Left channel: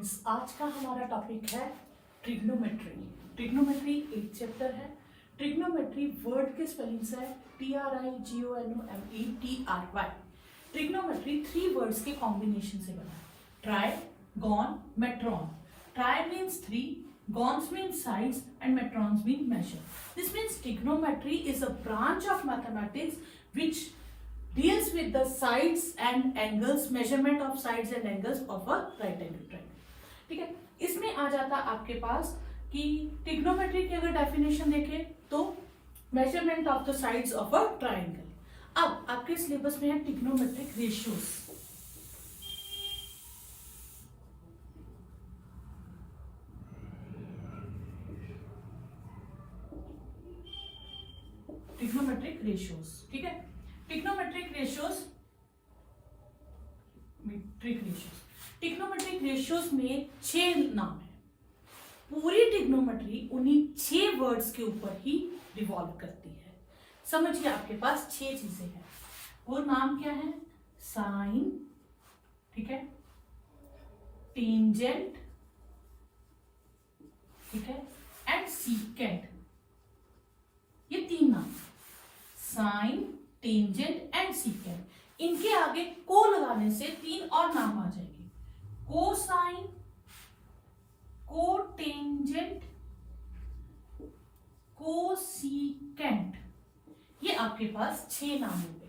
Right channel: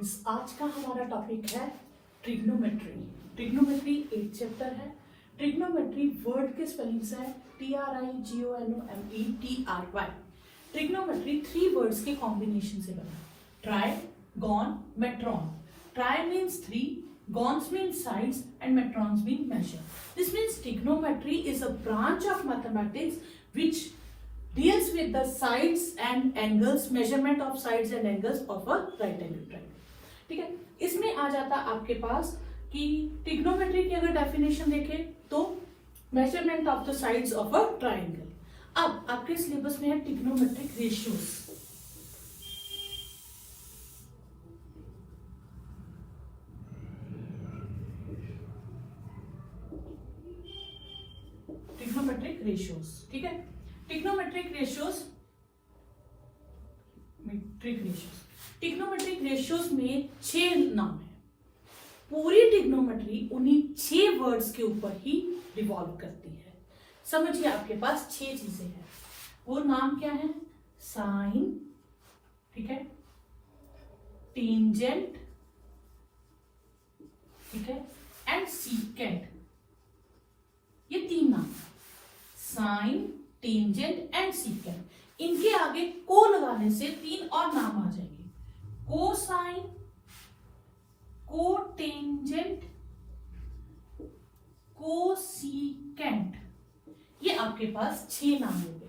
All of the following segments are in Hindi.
स्टूडेंट्स, आज का हमारा टॉपिक है ट्रिग्नोमेट्री। ट्रिग्नोमेट्री एक चैप्टर है। ट्रिग्नोमेट्री वर्ड के स्पेलिंग्स है TRIGONOMETRY। ट्रिग्नोमेट्री 3 वर्ड्स के कॉम्बिनेशन से बना है, tri, gon, metron. Tri means 3, gons mean sides and metrons mean measure. This means trigonometry is a branch of mathematics which deals with the sides and angles, measurement of sides and angles of a right angle triangle. ठीक है, इसमें आ जाता आपके पास कि ट्रिग्नोमेट्री की अगर डेफिनेशन देखें तो measurement of the sides of a triangle. अब आपके सिलेबस में है ट्रिग्नोमेट्रिक रेशियोज। ट्रिग्नोमेट्रिक रेशियोज, ठीक है। ट्रिग्नोमेट्रिक रेशियोज में 6 नाम है। पूरी ट्रिग्नोमेट्री उन्हीं 6 वर्ड्स के ऊपर ही रिवॉल्व करती है। समझिए, आपके पास 6 चीजें हैं। वो नाम क्या है? साइन, ठीक है, टेंजेंट, ठीक है, एंड सीकेंट। ये 3 नाम है, साइन, टेंजेंट एंड सीकेंट। इनके आगे को लगाने से 3 और नाम आ जाएंगे, कोसाइन, कोटेंजेंट, कोसीकेंट। ये आपके पास 6 नाम हो गए।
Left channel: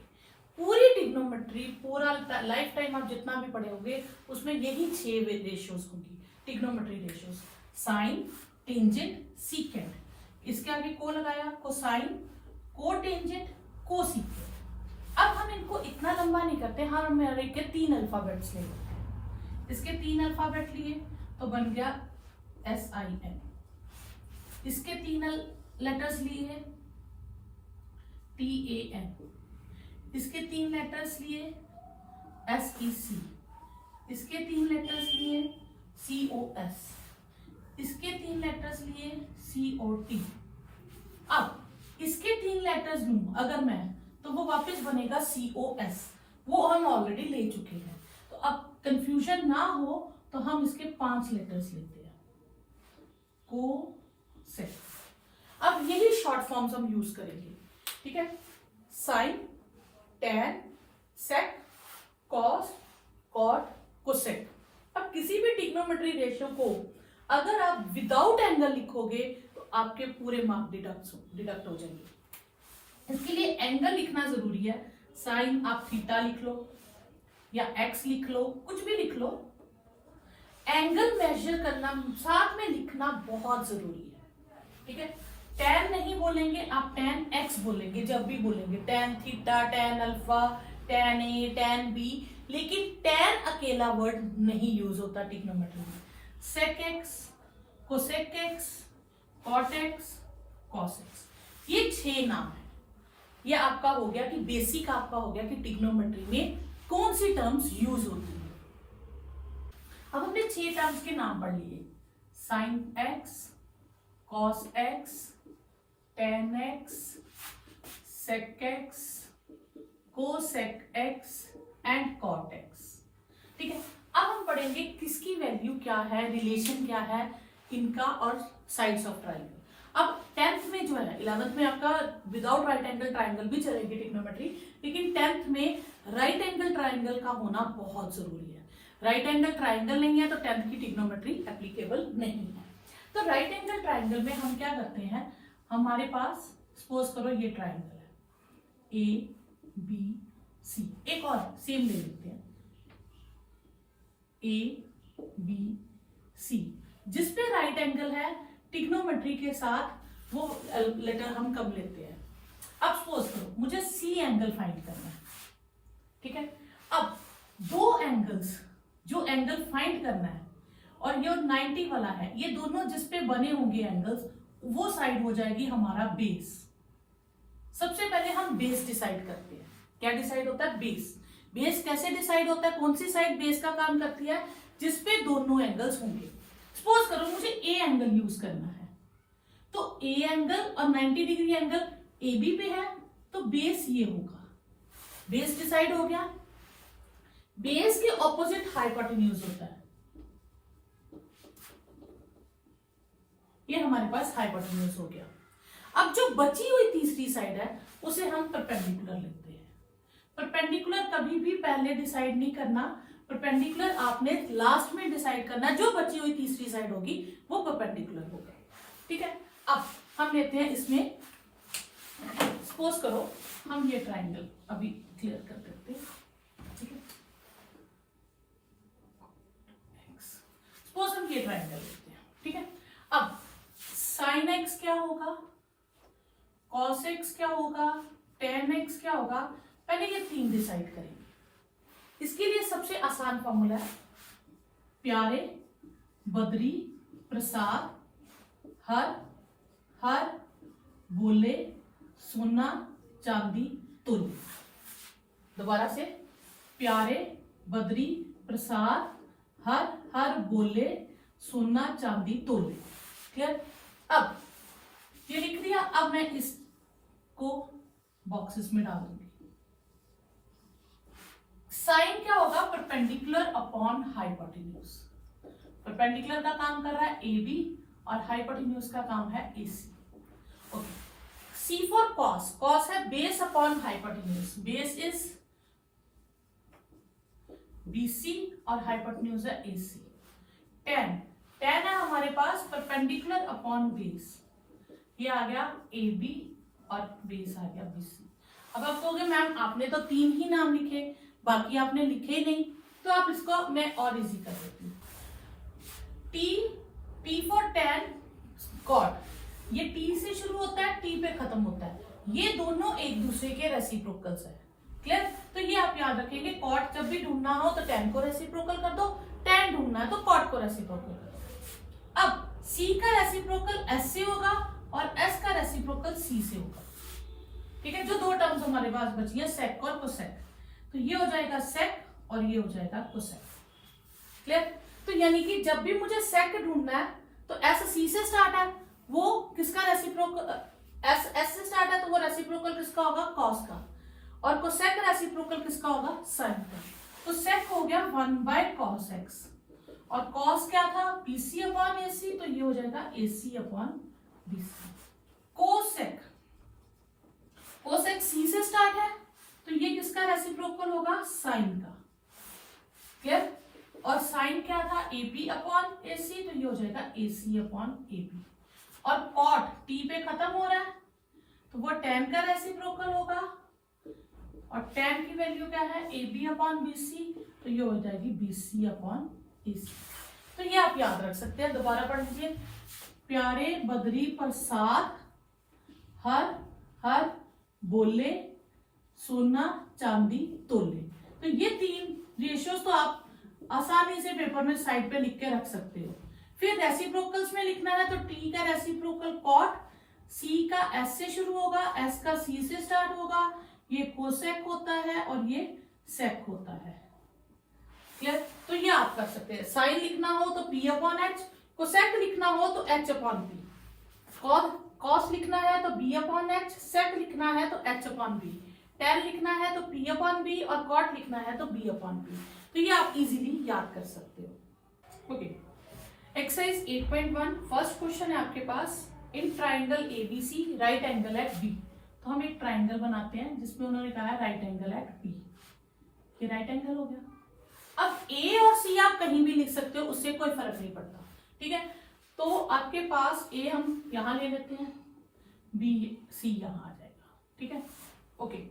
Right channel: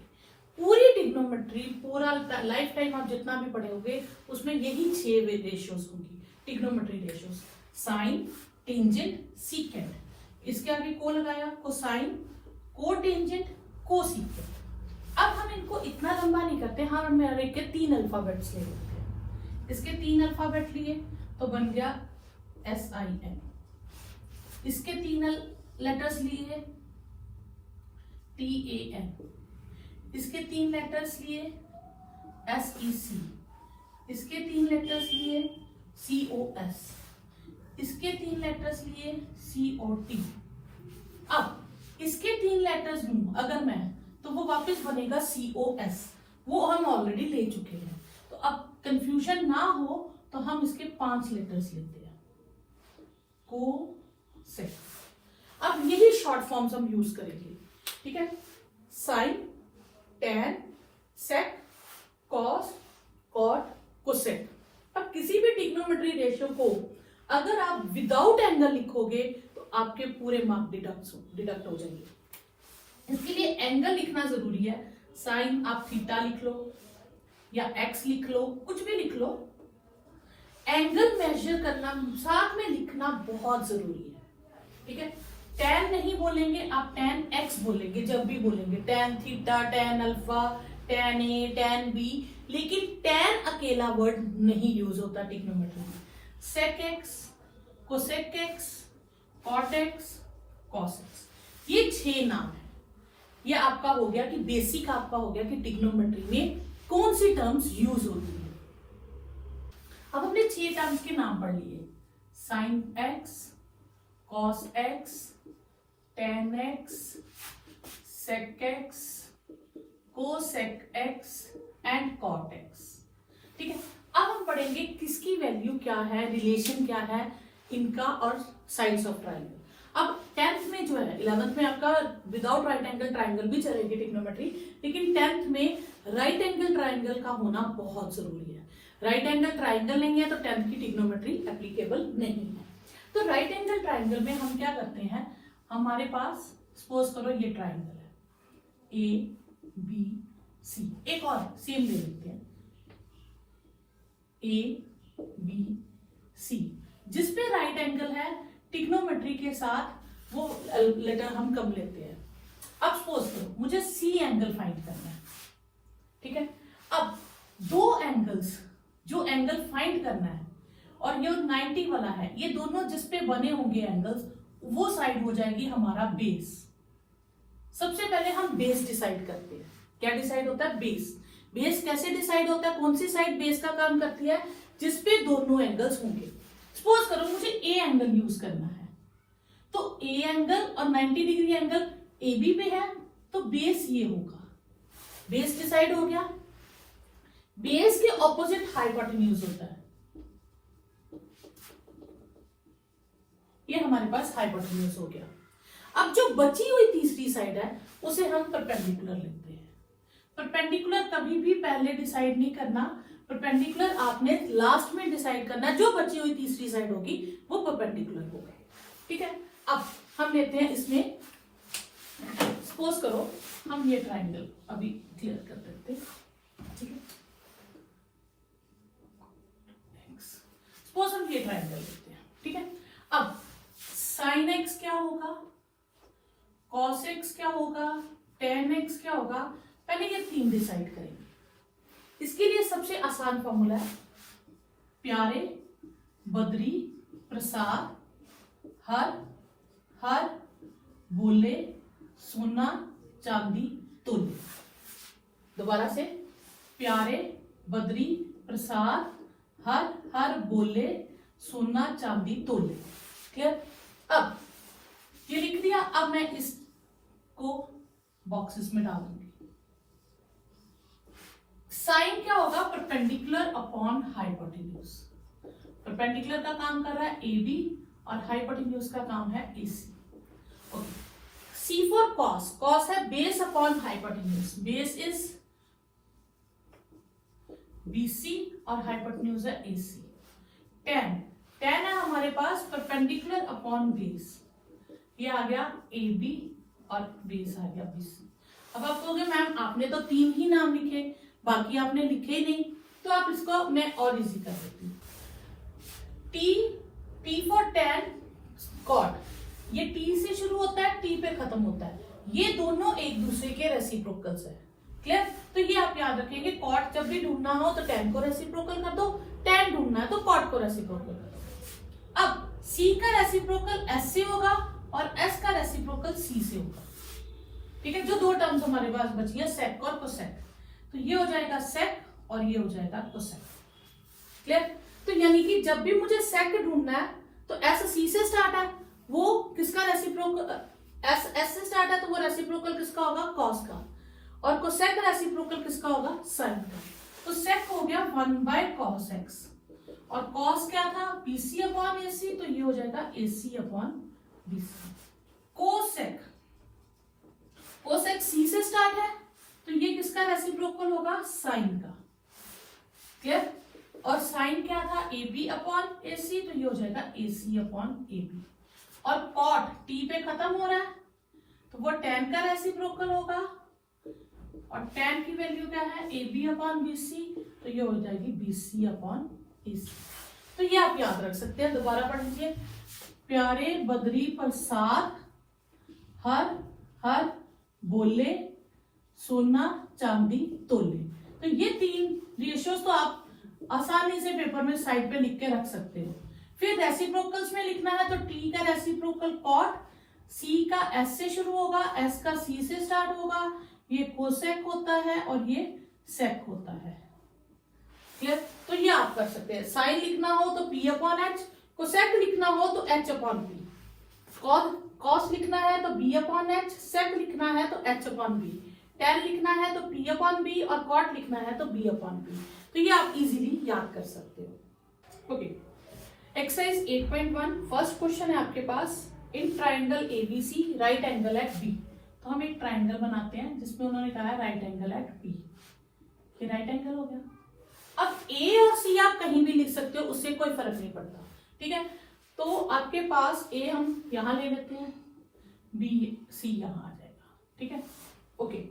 पूरी ट्रिग्नोमेट्री, पूरा लाइफ टाइम आप जितना भी पढ़ोगे उसमें यही 6 रेशियोज होंगी, trigonometry ratios, sine, tangent, secant. इसके आगे को लगाया, कोसाइन, कोटेंजेंट, कोसीकेंट। अब हम इनको इतना लंबा नहीं करते, हम मेरे के 3 अल्फाबेट्स ले लेते हैं। इसके 3 अल्फाबेट लिए तो बन गया SIN। इसके 3 लेटर्स लिए TAN। इसके 3 लेटर्स लिए SEC। इसके 3 लेटर्स लिए COS। इसके 3 लेटर्स लिए COT। अब इसके 3 लेटर्स लूं अगर मैं, तो वो वापस बनेगा COS। वो हम ऑलरेडी ले चुके हैं। तो अब कंफ्यूजन ना हो तो हम इसके 5 लेटर्स लेते हैं, को सेक। अब यही शॉर्ट फॉर्म्स हम यूज करेंगे, ठीक है। साइन, टेन, सेक, कॉस, कॉट, कोसेक। अब किसी भी ट्रिग्नोमेट्री रेशियो को अगर आप विदाउट एंगल लिखोगे तो आपके पूरे मार्क डिडक्ट हो जाएंगे। इसके लिए एंगल लिखना जरूरी है। साइन आप थीटा लिख लो या एक्स लिख लो, कुछ भी लिख लो। एंगल मेजर करना साथ में लिखना बहुत जरूरी है, ठीक है। टेन नहीं बोलेंगे आप, टेन एक्स बोलेंगे जब भी बोलेंगे, tan theta, tan alpha, tan A, tan B. लेकिन टेन अकेला वर्ड नहीं यूज होता ट्रिग्नोमेट्री में। Sec x, cosec x, cot x, cos x, ये 6 नाम है। ये आपका हो गया कि बेसिक आपका हो गया कि ट्रिग्नोमेट्री में कौन सी टर्म्स यूज होती है। अब हमने 6 टर्म्स के नाम पढ़ लिए, sine x, cos x, tan x, sec x, cosec x and cot x, ठीक है। अब हम पढ़ेंगे किसकी वैल्यू क्या है, रिलेशन क्या है इनका और साइड्स ऑफ ट्राइंगल। अब 10th में जो है, 11th में आपका विदाउट राइट एंगल ट्राइंगल भी चलेगी ट्रिग्नोमेट्री, लेकिन 10th में राइट एंगल ट्राइंगल का होना बहुत जरूरी है। राइट एंगल ट्राइंगल नहीं है तो 10th की ट्रिग्नोमेट्री एप्लीकेबल नहीं है। तो राइट एंगल ट्राइंगल में हम क्या करते हैं, हमारे पास सपोज करो ये ट्राइंगल है ABC। एक और सेम ले लेते हैं ABC, जिसपे राइट एंगल है। ट्रिग्नोमेट्री के साथ वो लेटर हम कब लेते हैं। अब सपोज करो मुझे C एंगल फाइंड करना है, ठीक है। अब 2 एंगल्स, जो एंगल फाइंड करना है और ये 90 वाला है, ये दोनों जिसपे बने होंगे एंगल्स, वो साइड हो जाएगी हमारा बेस। सबसे पहले हम बेस डिसाइड करते हैं। क्या डिसाइड होता है? बेस। बेस कैसे डिसाइड होता है, कौन सी साइड बेस का काम करती है? जिसपे दोनों एंगल्स होंगे। सपोज करो मुझे ए एंगल यूज करना है, तो ए एंगल और 90 डिग्री एंगल ए बी पे है, तो बेस ये होगा। बेस डिसाइड हो गया। बेस के ऑपोजिट हाइपोटेन्यूज होता है, ये हमारे पास हाइपोटेन्यूज हो गया। अब जो बची हुई तीसरी साइड है उसे हम परपेंडिकुलर लिखते हैं। परपेंडिकुलर कभी भी पहले डिसाइड नहीं करना, परपेंडिकुलर आपने लास्ट में डिसाइड करना। जो बची हुई तीसरी साइड होगी वो परपेंडिकुलर होगा, ठीक है। अब हम लेते हैं इसमें, सपोज करो हम ये ट्राइंगल अभी क्लियर कर देते हैं, ठीक है। सपोज हम ये ट्राइंगल लेते हैं, ठीक है। अब साइन एक्स क्या होगा, कॉस एक्स क्या होगा, टेन एक्स क्या होगा, पहले ये तीन डिसाइड करेंगे। इसके लिए सबसे आसान फॉर्मूला है प्यारे बद्री प्रसाद हर हर बोले सोना चांदी तोले। दोबारा से, प्यारे बद्री प्रसाद हर हर बोले सोना चांदी तोले। क्लियर। अब ये लिख दिया, अब मैं इसको बॉक्सेस में डाल दूंगी। साइन क्या होगा, परपेंडिकुलर अपॉन हाइपोटेन्यूज। परपेंडिकुलर का काम कर रहा है AB और हाइपोटेन्यूज का काम है AC। Okay. C for cos, cos है base upon hypotenuse, base is BC और हाइपोटेन्यूज है AC। टेन, टेन है हमारे पास परपेंडिकुलर अपॉन बेस, ये आ गया AB और बेस आ गया BC। अब आप कहोगे मैम आपने तो तीन ही नाम लिखे, बाकी आपने लिखे ही नहीं, तो आप इसको मैं और इजी कर देती हूँ। T फॉर टेन कॉट, ये T से शुरू होता है T पे खत्म होता है, ये दोनों एक दूसरे के रेसिप्रोकल्स है। क्लियर। तो ये आप याद रखेंगे, कॉट जब भी ढूंढना हो तो टेन को रेसिप्रोकल कर दो, टेन ढूंढना है तो कॉट को रेसिप्रोकल कर दो। अब C का रेसिप्रोकल S से होगा और S का रेसिप्रोकल C से होगा, ठीक है। जो दो टर्म्स हमारे पास बची है सेक और कोसेक, तो ये हो जाएगा सेक और ये हो जाएगा कोसेक। क्लियर। तो यानी कि जब भी मुझे सेक ढूंढना है तो S C से स्टार्ट है, वो किसका रेसिप्रोकल, S से स्टार्ट है तो वो रेसिप्रोकल किसका होगा, कॉस का, और कोसेक रेसिप्रोकल किसका होगा, साइन का। तो सेक हो गया 1/cos x और cos क्या था, BC अपॉन AC, तो ये हो जाएगा AC upon BC। Cosec, cosec C से स्टार्ट है तो ये किसका रेसिप्रोकल होगा, साइन का। क्लियर। और साइन क्या था, AB अपॉन AC, तो ये हो जाएगा AC अपॉन AB। और कॉट T पे खत्म हो रहा है तो वो tan का रेसिप्रोकल होगा, और tan की वैल्यू क्या है, AB अपॉन BC, तो ये हो जाएगी BC अपॉन AC। तो ये आप याद रख सकते हैं। दोबारा पढ़ लीजिए, प्यारे बद्री प्रसाद हर हर बोले सोना चांदी तोले। तो ये तीन रेशियोज तो आप आसानी से पेपर में साइड पे लिख के रख सकते हो। फिर रेसिप्रोकल्स में लिखना है तो T का रेसिप्रोकल कॉट, C का S से शुरू होगा, S का C से स्टार्ट होगा, ये कोसेक होता है और ये सेक होता है। क्लियर। तो ये आप कर सकते हैं। साइन लिखना हो तो P अपॉन H, कोसेक लिखना हो तो H अपॉन P, कॉस लिखना है तो B अपॉन H, सेक लिखना है तो H अपॉन B, टेन लिखना है तो P अपॉन B और कॉट लिखना है तो B अपॉन B। तो ये आप इजीली याद कर सकते हो। ओके। एक्सरसाइज 8.1 फर्स्ट क्वेश्चन है आपके पास, in triangle ABC right angle at B। तो हम एक ट्राइंगल बनाते हैं जिसमें उन्होंने कहा है राइट एंगल एट B। ये राइट एंगल हो गया। अब A और C आप कहीं भी लिख सकते हो, उससे कोई फर्क नहीं पड़ता, ठीक है। तो आपके पास A हम यहां ले लेते हैं, B C यहां आ जाएगा, ठीक है। Okay.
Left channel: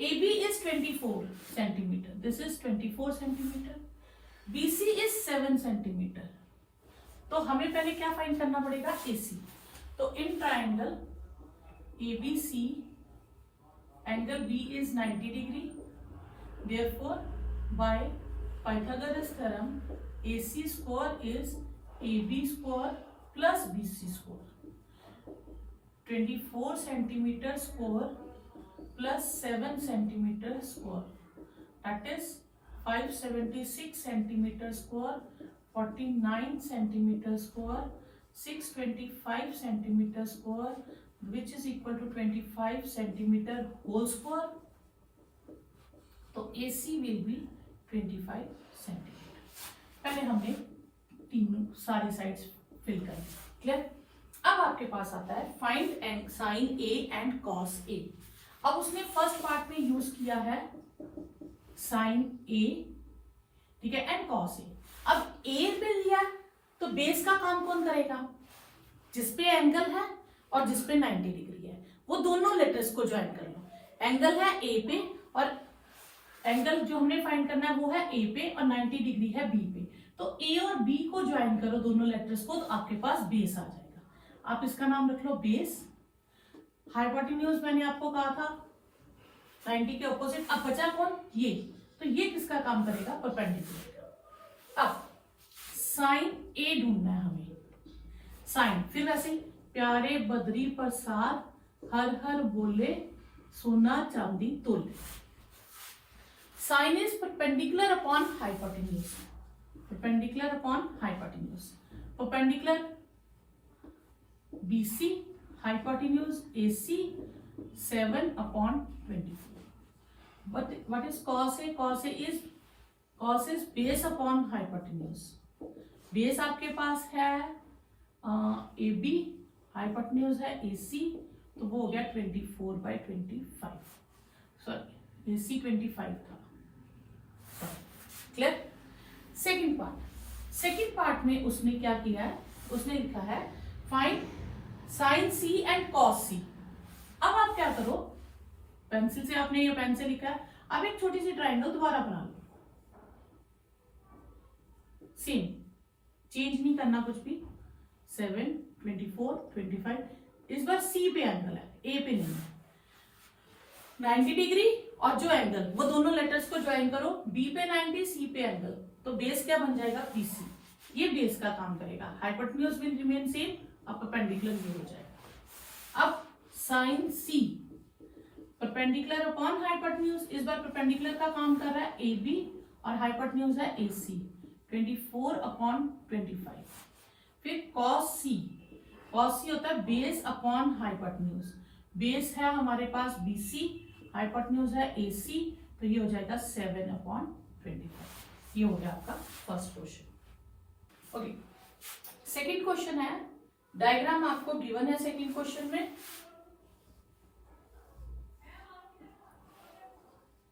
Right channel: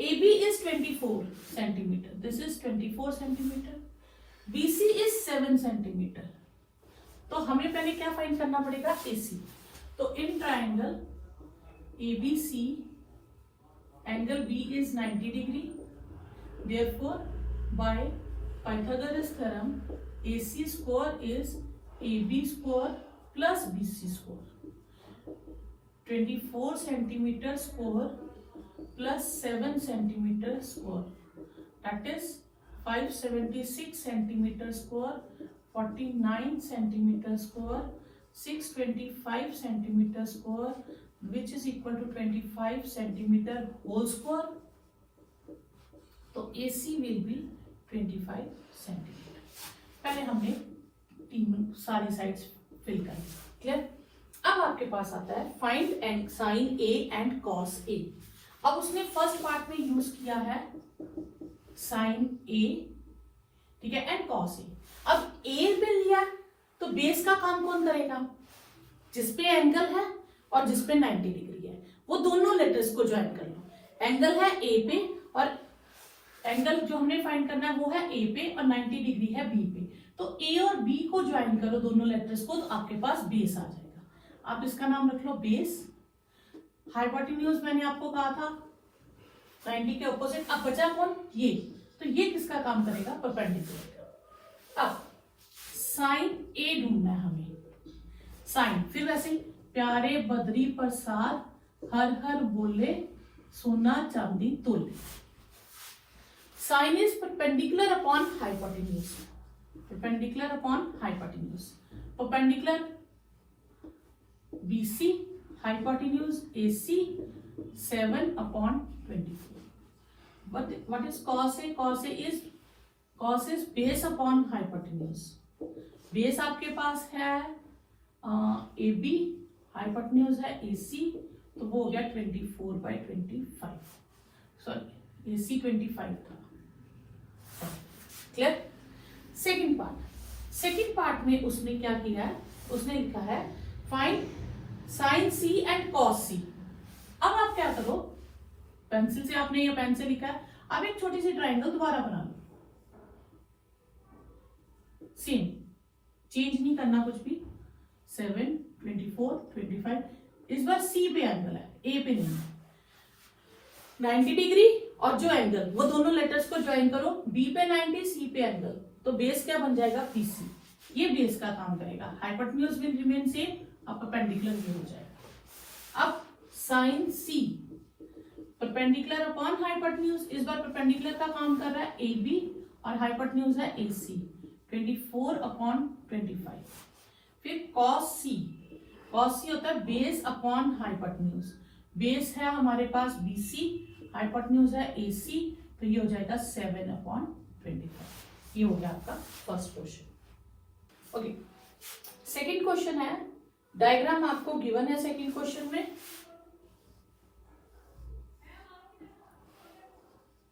AB is 24 centimeter. This is 24 centimeter. BC is 7 centimeter. तो हमें पहले क्या फाइंड करना पड़ेगा, AC। तो इन triangle ABC angle B is 90 degree. Therefore, by Pythagoras theorem, AC square is AB square plus BC square. 24 centimeter square plus 7 centimeter square, that is 576 centimeter square, 49 centimeter square, 625 centimeter square, which is equal to 25 centimeter whole square. तो AC will be 25 centimeter. पहले हमने तीनों सारी साइड्स फिल करें। क्लियर। अब आपके पास आता है find sine A and cos A. अब उसने फर्स्ट पार्ट में यूज किया है साइन ए, ठीक है, एंड कॉस ए। अब ए पे लिया तो बेस का काम कौन करेगा? जिसपे एंगल है और जिसपे 90 डिग्री है, वो दोनों लेटर्स को ज्वाइन कर लो। एंगल है ए पे और एंगल जो हमने फाइंड करना है वो है ए पे और 90 डिग्री है बी पे। तो ए और बी को ज्वाइन करो दोनों लेटर्स को, तो आपके पास बेस आ जाएगा। आप इसका नाम रख लो बेस। हाइपोटेन्यूज मैंने आपको कहा था 90 के ऑपोजिट। अब बचा कौन? ये। तो ये किसका काम करेगा? परपेंडिकुलर। अब साइन ए ढूंढना है हमें। साइन, फिर वैसे प्यारे बद्री प्रसाद हर हर बोले सोना चांदी तोले। Sine is perpendicular upon hypotenuse. Perpendicular upon hypotenuse. Perpendicular BC, hypotenuse AC 7 upon 24. What is cos A? Cos is base upon hypotenuse. Base आपके पास है AB, hypotenuse है AC, तो वो हो गया 24/25। सॉरी AC 25 था। क्लियर? सेकेंड पार्ट में उसने क्या किया है? उसने लिखा है find sign C and cos C। अब आप क्या करो, पेंसिल से आपने ये पेन से लिखा है, अब एक छोटी सी ट्रायंगल दोबारा बना लो। सेम, चेंज नहीं करना कुछ भी। 7, 24, 25। इस बार C पे एंगल है, A पे नहीं है। 90 डिग्री और जो एंगल, वो दोनों लेटर्स को ज्वाइन करो। B पे 90, C पे एंगल, तो बेस क्या बन जाएगा? BC। ये बेस का काम करेगा। हाइपोटेन्यूज विल रिमेन सेम, अब परपेंडिकुलर ये हो जाएगा। अब sine C perpendicular upon hypotenuse, इस बार परपेंडिकुलर का काम कर रहा है AB और हाइपोटेन्यूज है AC 24/25। फिर cos C होता है बेस अपॉन हाइपोटेन्यूज। बेस है हमारे पास BC, हाइपोटेन्यूज है AC, तो ये हो जाएगा 7/25। ये हो गया आपका first question. Okay, second question है, डायग्राम आपको गिवन है सेकंड क्वेश्चन में।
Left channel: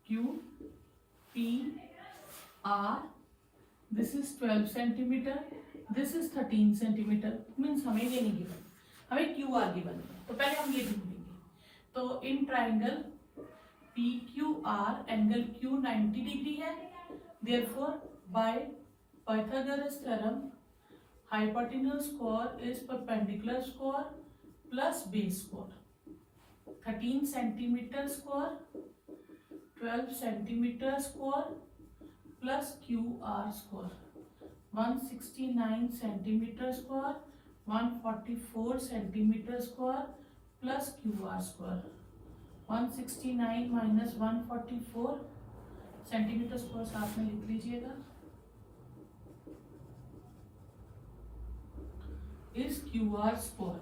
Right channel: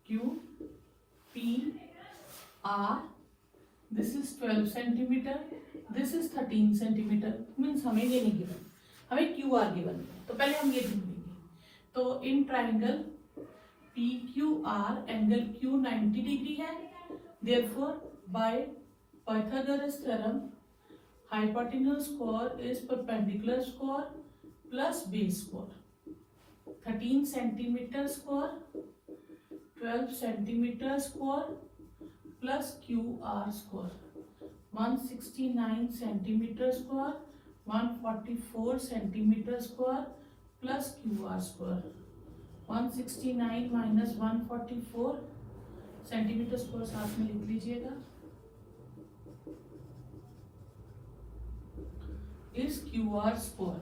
Q P R, this is 12 centimetre, this is 13 centimetre. Means हमें ये नहीं गिवन, हमें QR गिवन है, तो पहले हम ये ढूंढेंगे। तो इन triangle PQR angle Q 90 degree है, therefore by Pythagoras theorem hypotenuse square is perpendicular square plus base square। 13 centimetre square 12 centimetre square plus QR square 169 centimetre square 144 centimetre square plus QR square 169 minus 144 centimetre square साथ में लिख लीजिएगा, इस QR स्क्वायर।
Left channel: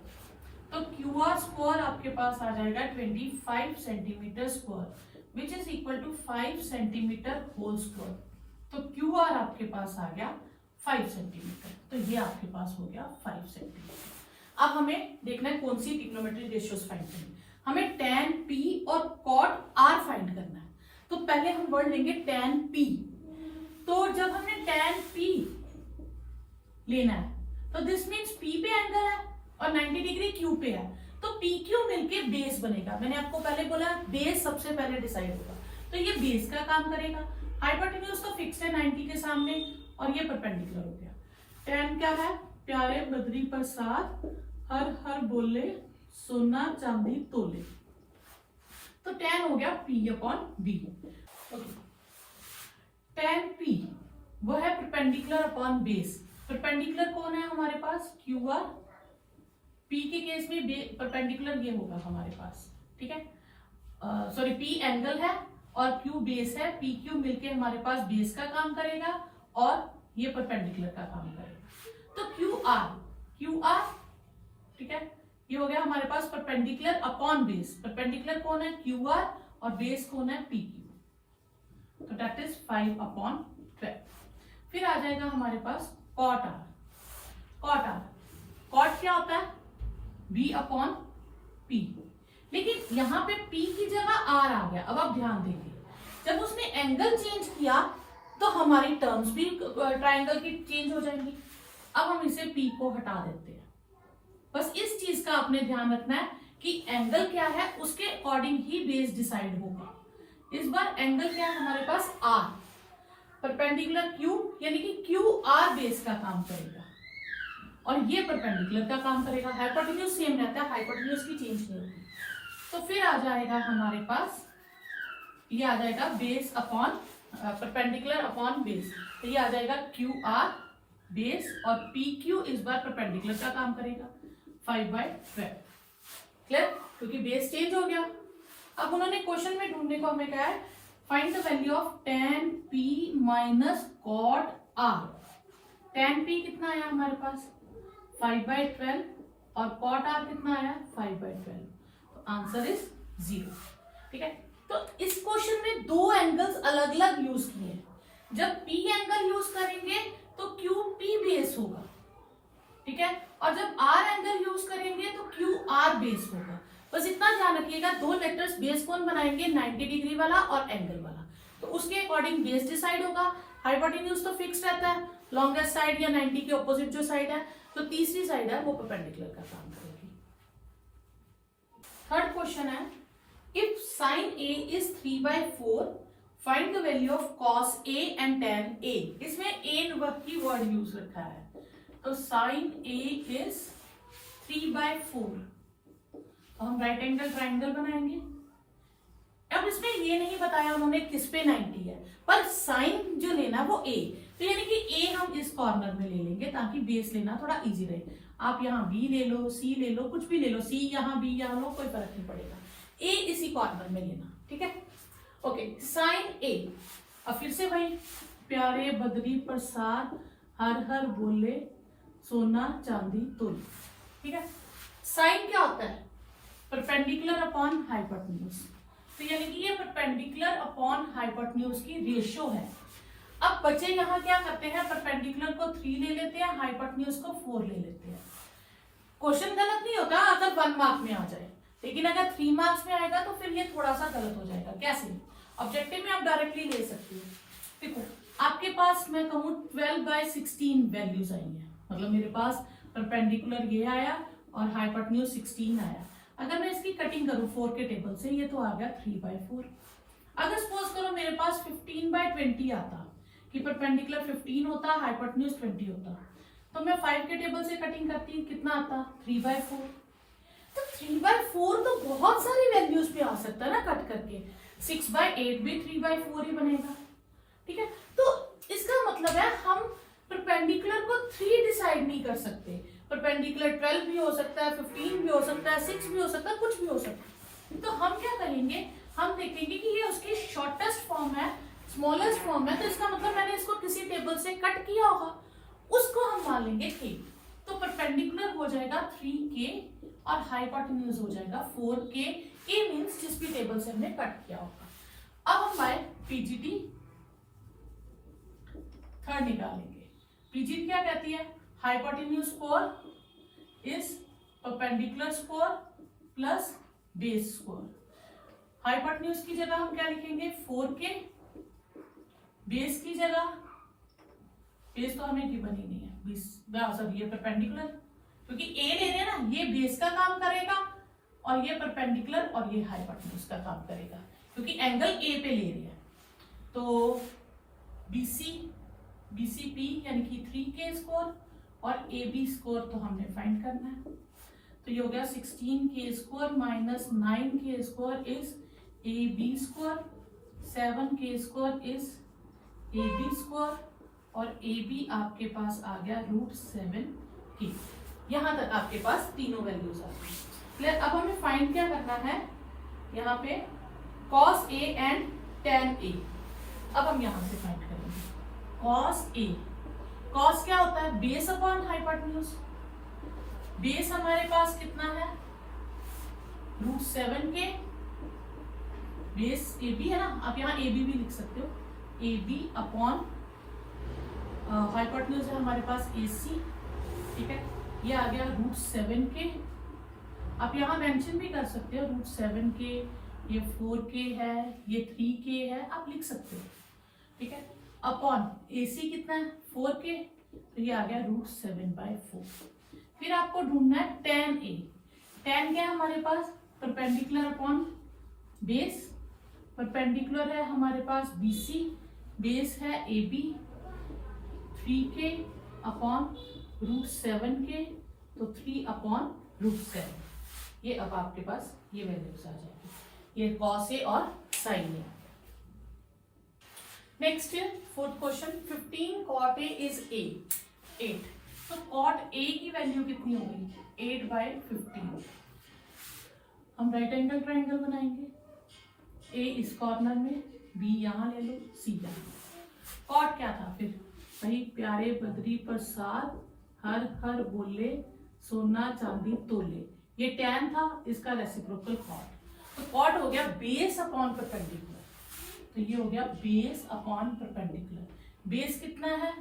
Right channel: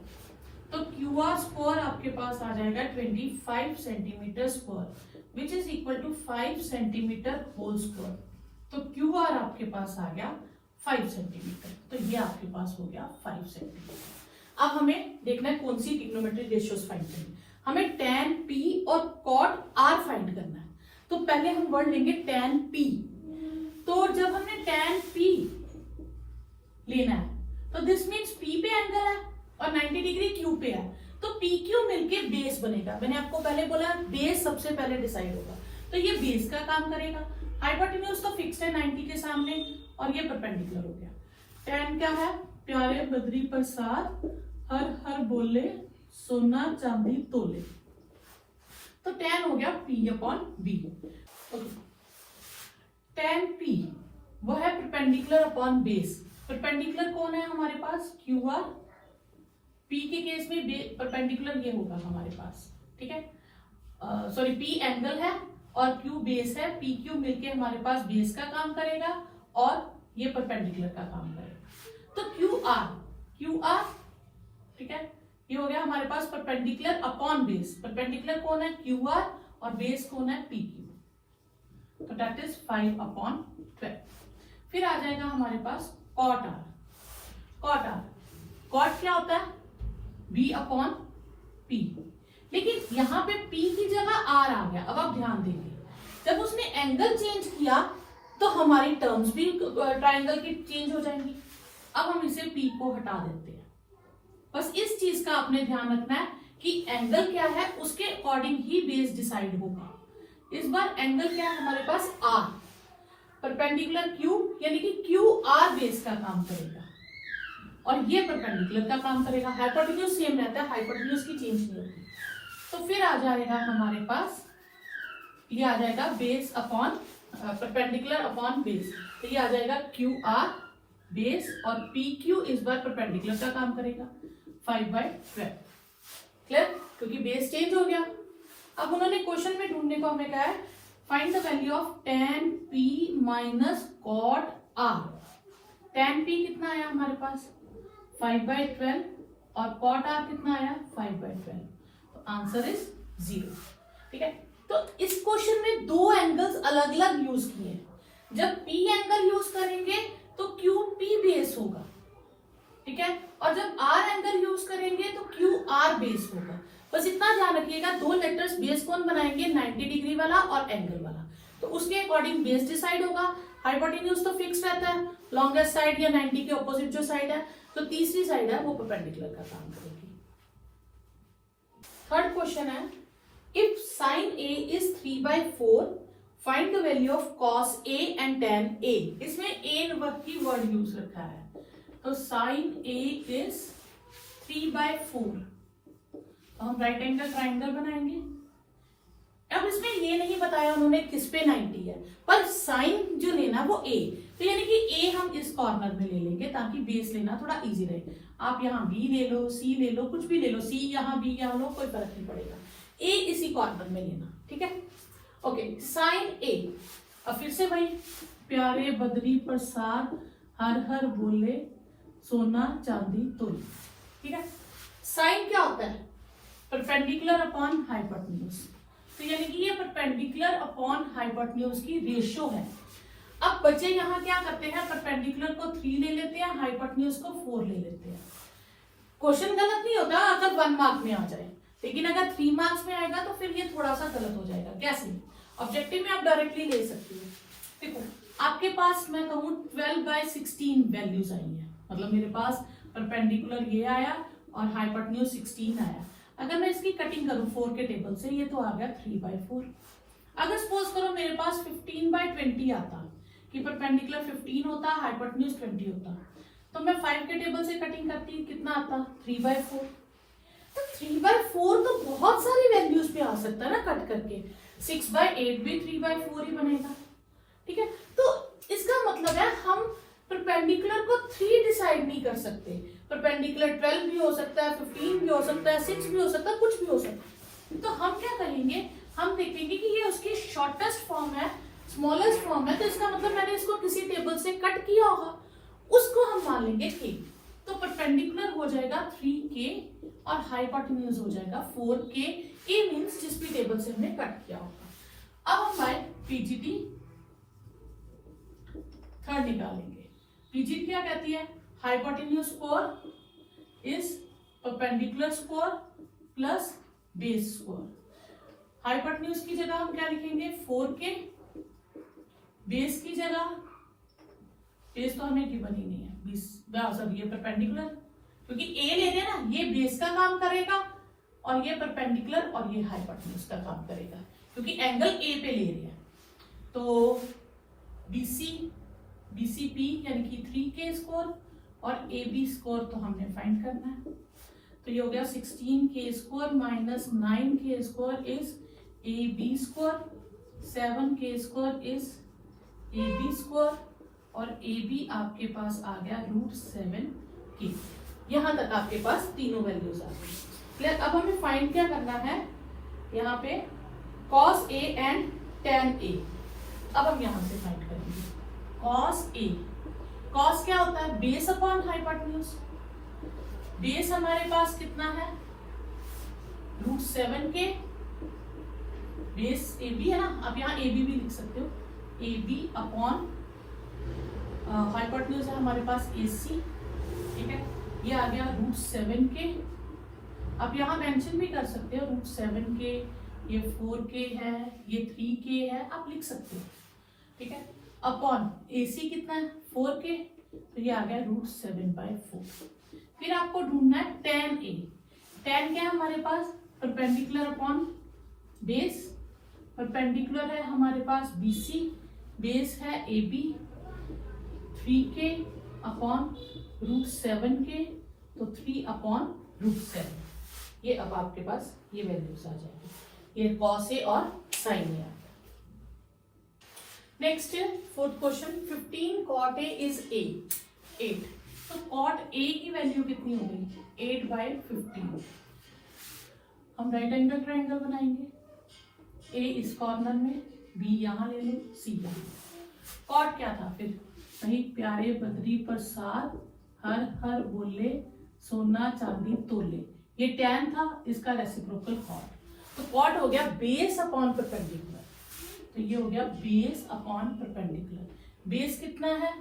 तो QR स्क्वायर आपके पास आ जाएगा 25 centimetre square which is equal to 5 centimetre whole square. तो QR आपके पास आ गया 5 सेंटीमीटर, तो ये आपके पास हो गया 5 सेंटीमीटर। अब हमें देखना है कौन सी ट्रिग्नोमेट्रिक रेशियोज फाइंड करनी। हमें tan P और cot R फाइंड करना है। तो पहले हम वर्ड लेंगे tan P। तो जब हमने tan P लेना है तो दिस मीन्स P पे एंगल है और 90 डिग्री Q पे है, तो PQ मिलके बेस बनेगा। मैंने आपको पहले बोला बेस सबसे पहले डिसाइड होगा, तो ये बेस का काम करेगा। हाइपोटेन्यूज तो फिक्स है 90 के सामने और ये परपेंडिकुलर हो गया। tan क्या है? प्यारे बद्री प्रसाद हर हर बोले सोना चांदी तोले, तो tan हो गया P/B। tan P वो है परपेंडिकुलर अपॉन बेस। परपेंडिकुलर कौन है हमारे पास? QR। P के केस में परपेंडिकुलर ये होगा हमारे पास, ठीक है। सॉरी, P एंगल है और Q बेस है। PQ मिलके हमारे पास बेस का काम करेगा और ये परपेंडिकुलर का काम करेगा। तो QR, ठीक है, ये हो गया हमारे पास परपेंडिकुलर अपॉन बेस। परपेंडिकुलर कौन है? QR और बेस कौन है? PQ। तो दैट इज 5/12। फिर आ जाएगा हमारे पास cot R। cot क्या होता है? b upon p। लेकिन यहाँ पे p की जगह r आ गया। अब आप ध्यान देंगे, जब उसने एंगल चेंज किया तो हमारी टर्म्स भी ट्राइंगल की चेंज हो जाएंगी। अब हम इसे p को हटा देते हैं। बस इस चीज का आपने ध्यान रखना है कि एंगल क्या है उसके अकॉर्डिंग ही बेस डिसाइड होगा। इस बार एंगल क्या है हमारे पास r, परपेंडिकुलर q, यानी कि q r बेस का काम करेगा और ये परपेंडिकुलर का काम करेगा। हाइपोटेन्यूज सेम रहता है, हाइपोटेन्यूज की चेंज नहीं होती। तो फिर आ जाएगा हमारे पास, ये आ जाएगा base upon perpendicular upon base. तो ये आ जाएगा क्यू आर बेस और पी क्यू इस बार परपेंडिकुलर का काम करेगा 5/12। क्लियर? क्योंकि बेस चेंज हो गया। अब उन्होंने क्वेश्चन में ढूंढने को हमें कहा है find the value of tan p minus cot r। tan p कितना आया हमारे पास 5/12 और cot r कितना आया 5/12। तो आंसर इज 0। ठीक है, तो इस क्वेश्चन में दो एंगल्स अलग अलग यूज किए। जब p एंगल यूज करेंगे तो क्यू p बेस होगा, ठीक है, और जब r एंगल यूज करेंगे तो क्यू r बेस होगा। बस इतना ध्यान रखिएगा, दो लेटर्स बेस कौन बनाएंगे 90 डिग्री वाला और एंगल वाला, तो उसके अकॉर्डिंग बेस डिसाइड होगा। हाइपोटेन्यूज तो फिक्स रहता है, लॉन्गेस्ट साइड या 90 के ऑपोजिट जो साइड है, तो तीसरी साइड है वो परपेंडिकुलर का काम करेगी। थर्ड क्वेश्चन है if sine a is 3/4 find the value of cos a and tan a। इसमें a की वर्ड यूज रखा है, तो साइन a is 3/4, तो हम राइट एंगल ट्राइंगल बनाएंगे। अब इसमें ये नहीं बताया उन्होंने किस पे 90 है, पर साइन जो लेना वो a, तो यानी कि a हम इस कॉर्नर में ले लेंगे ताकि बेस लेना थोड़ा इजी रहे। आप यहाँ b ले लो, c ले लो, कुछ भी ले लो, c यहाँ b यहाँ लो, कोई फर्क नहीं पड़ेगा, a इसी कॉर्नर में लेना। ठीक है, ओके, साइन a। अब फिर से भाई प्यारे बद्री प्रसाद हर हर बोले सोना चांदी तुल। ठीक है, साइन क्या होता है परपेंडिकुलर अपॉन हाइपोटेन्यूज, तो यानी कि ये परपेंडिकुलर अपॉन हाइपोटेन्यूज की रेशियो है। अब बच्चे यहाँ क्या करते हैं, परपेंडिकुलर को 3 ले लेते हैं, हाइपोटेन्यूज को 4 ले लेते हैं। क्वेश्चन गलत नहीं होता अगर 1 मार्क में आ जाए, लेकिन अगर 3 मार्क्स में आएगा तो फिर ये थोड़ा सा गलत हो जाएगा। कैसे? ऑब्जेक्टिव में आप डायरेक्टली ले सकते हो। देखो आपके पास मैं कहूँ 12/16 वैल्यूज आई है, मतलब मेरे पास परपेंडिकुलर ये आया और हाइपोटेन्यूज 16 आया। अगर मैं इसकी कटिंग करूं 4 के टेबल से, ये तो आ गया 3/4। अगर सपोज करो मेरे पास 15/20 आता कि परपेंडिकुलर 15 होता, हाइपोटेन्यूज 20 होता, तो मैं 5 के टेबल से कटिंग करती, कितना आता 3/4। तो 3/4 तो बहुत सारी वैल्यूज पे आ सकता है ना कट करके, 6/8 भी 3/4 ही बनेगा। ठीक है, तो इसका मतलब है हम परपेंडिकुलर को 3 डिसाइड नहीं कर सकते, परपेंडिकुलर 12 भी हो सकता है, 15 भी हो सकता है, 6 भी हो सकता है, कुछ भी हो सकता है। तो हम क्या करेंगे, हम देखेंगे कि ये उसकी शॉर्टेस्ट फॉर्म है, स्मॉलेस्ट फॉर्म है, तो इसका मतलब मैंने इसको किसी टेबल से कट किया होगा, उसको हम मान लेंगे k। तो परपेंडिकुलर हो जाएगा 3k और हाइपोटेन्यूज हो जाएगा 4k। a मींस जिस भी टेबल से हमने कट किया होगा। अब हम आए पीजीटी थर्ड निकालेंगे। पीजीटी क्या कहती है, hypotenuse square is perpendicular square plus base square. Hypotenuse की जगह हम क्या लिखेंगे 4k, बेस की जगह, बेस तो हमें गिवन ही नहीं है, सॉरी ये परपेंडिकुलर, क्योंकि a ले रहे ना, ये बेस का काम करेगा और ये परपेंडिकुलर और ये हाइपोटेन्यूज का काम करेगा, क्योंकि एंगल a पे ले रहे हैं। तो BCP यानी कि 3k स्कोर और AB स्कोर तो हमने फाइंड करना है। तो ये हो गया 16k score minus 9k score is AB score, 7k score is AB score और AB आपके पास आ गया √7k। यहां तक आपके पास तीनों वैल्यूज आ गई। क्लियर? अब हमें फाइंड क्या करना है, यहाँ पे cos A and tan A। अब हम यहां से फाइंड करेंगे cos A। cos क्या होता है, बेस अपॉन हाइपोटेन्यूज। बेस हमारे पास कितना है √7k, बेस AB है ना, आप यहाँ AB भी लिख सकते हो, AB अपॉन हाइपोटेन्यूज है हमारे पास AC। ठीक है, ये आ गया √7k आप यहाँ मेंशन भी कर सकते हो √7k, ये 4k है, ये 3k है, आप लिख सकते हो, ठीक है। अपॉन AC कितना है 4k, तो ये आ गया √7/4। फिर आपको ढूंढना है tan A। tan क्या है हमारे पास, परपेंडिकुलर अपॉन बेस। परपेंडिकुलर है हमारे पास BC, बेस है AB, 3k अपॉन √7k, तो 3/√7। ये अब आपके पास ये वैल्यूज आ जाएगी, ये cos A और sin A। Next fourth question, 15 cot A is 8। तो cot A की वैल्यू कितनी होगी, 8/15। हम राइट एंगल ट्राइंगल बनाएंगे, A इस कॉर्नर में, B यहाँ ले लो, C यहाँ। cot क्या था फिर, वही प्यारे बद्री प्रसाद हर हर बोले सोना चांदी तोले, ये tan था, इसका रेसिप्रोकल cot। तो cot हो गया बेस अपॉन परपेंडिकुलर, तो ये हो गया बेस अपॉन परपेंडिकुलर। बेस कितना है,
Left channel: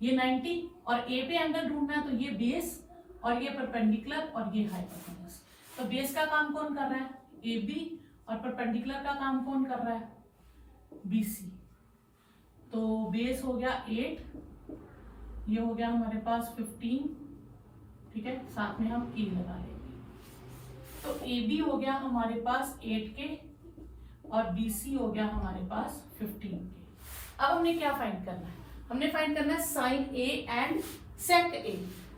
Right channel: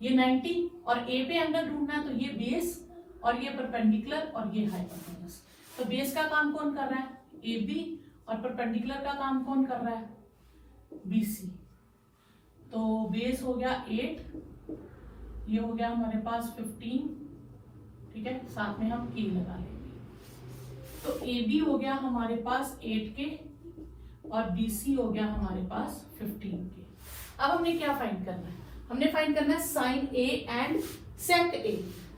ये 90, और ए पे एंगल ढूंढना है, तो ये बेस और ये परपेंडिकुलर और ये हाइपोटेन्यूज। तो बेस का काम कौन कर रहा है, AB, और परपेंडिकुलर का काम कौन कर रहा है, BC। तो बेस हो गया 8, ये हो गया हमारे पास 15, ठीक है, साथ में हम E लगा लेंगे। तो AB हो गया हमारे पास 8k और BC हो गया हमारे पास 15k। अब हमने क्या फाइंड करना है, हमने फाइंड करना है sine A and sec A।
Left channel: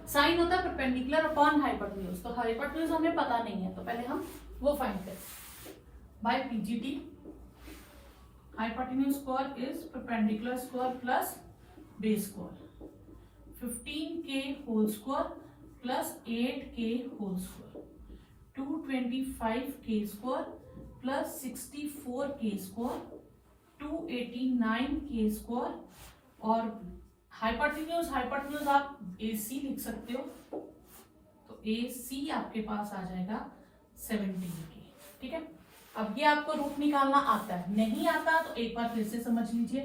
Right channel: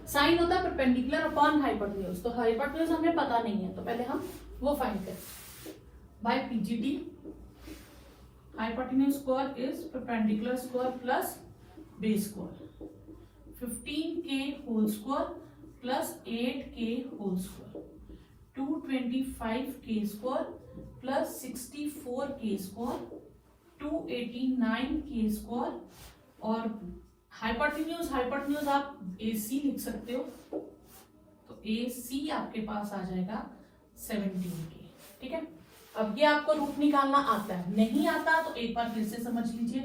Sine होता है परपेंडिकुलर अपॉन हाइपोटेन्यूज, तो हाइपोटेन्यूज हमें पता नहीं है, तो पहले हम वो फाइंड करें by PGT। Hypotenuse square is perpendicular square plus base square, 15k whole square plus 8k whole square, 225k square plus 64k square, 289k square, और हाइपोटेन्यूज आप AC लिख सकते हो, तो AC आपके पास आ जाएगा 17k, ठीक है। अब ये आपको रूट निकालना आता है, नहीं आता तो एक बार फिर से समझ लीजिए।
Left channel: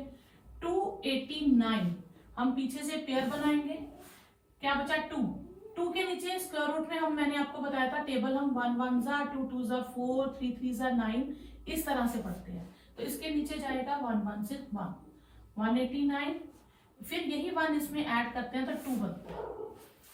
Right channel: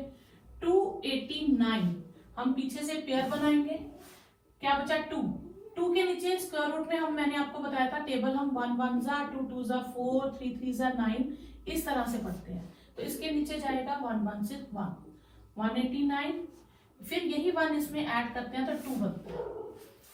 289 हम पीछे से पेयर बनाएंगे, क्या बचा 2 के नीचे स्क्वायर रूट में हम, मैंने आपको बताया था टेबल, हम 1 1 जा 2 2 जा 4 3 3 जा 9 इस तरह से पढ़ते हैं। तो इसके नीचे जाएगा 1 1 से 1 189, फिर यही 1 इसमें ऐड करते हैं तो 2 बनता है।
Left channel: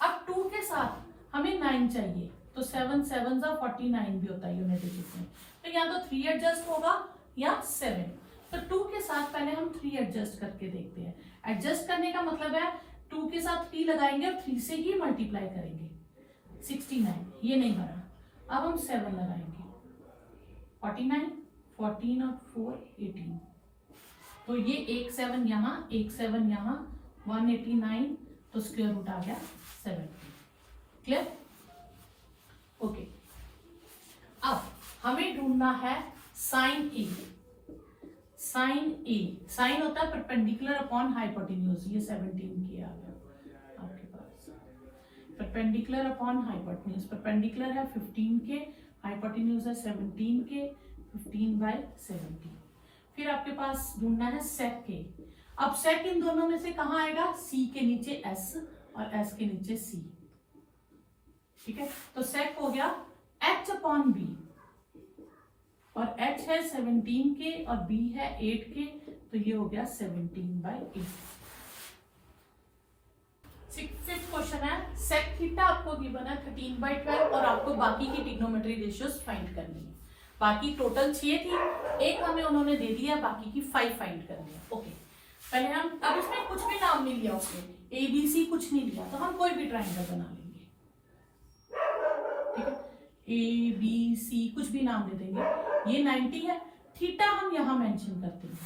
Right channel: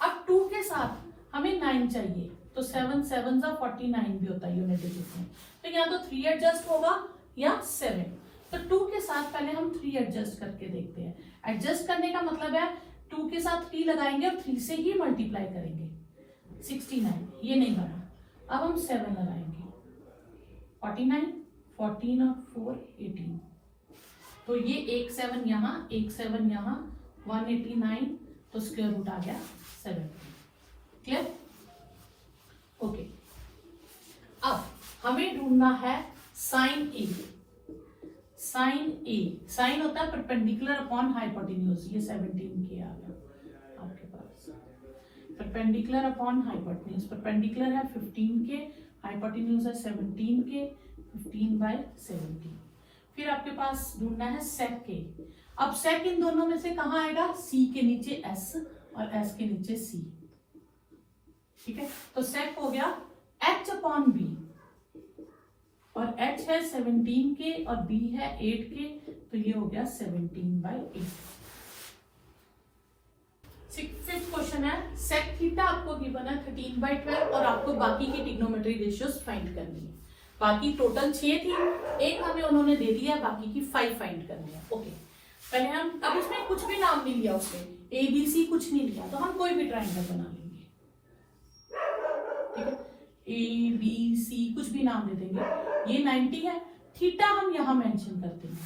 अब 2 के साथ हमें 9 चाहिए, तो 7 7 जा 49 भी होता है यूनिट डिजिट में, तो या तो 3 एडजस्ट होगा या 7। तो 2 के साथ पहले हम 3 एडजस्ट करके देखते हैं। एडजस्ट करने का मतलब है 2 के साथ 3 लगाएंगे और 3 से ही मल्टीप्लाई करेंगे, 69 ये नहीं बना। अब हम 7 लगाएंगे, 49 14 और 4 18, तो ये एक 7 यहाँ एक 7 यहाँ 189, तो स्क्वायर रूट आ गया 7। Clear, okay. अब हमें ढूंढना है sine A। Sine A, sine होता है परपेंडिकुलर अपॉन हाइपोटेन्यूज, ये 17k आ गया आपके पास, परपेंडिकुलर अपॉन हाइपोटेन्यूज। परपेंडिकुलर है 15k, हाइपोटेन्यूज है 17k, 15/17। फिर आपके पास ढूंढना है सेक K। अब सेक इन दोनों में से कहां आएगा, C के नीचे S और S के नीचे C, ठीक है। तो सेक हो गया H/B, और H है 17k और B है 8k, तो ये हो गया 17/8। फिफ्थ क्वेश्चन है, सेक थीटा आपको गिवन है 13/12 और आपको बाकी की ट्रिग्नोमेट्री रेशियोज फाइंड करनी है। बाकी टोटल 6 थी, एक हमें उन्होंने दे दिया, बाकी की 5 फाइंड करनी है। ओके, पहले हम, अब उसमें कुछ भी नाम नहीं लिया, उसने ABC कुछ नहीं लिया, तो हम कोई भी ट्राइंगल बना लेंगे, ठीक है। ABC कुछ भी नाम दे देंगे। ये 90 है, थीटा हम यहाँ मेंशन करते हैं,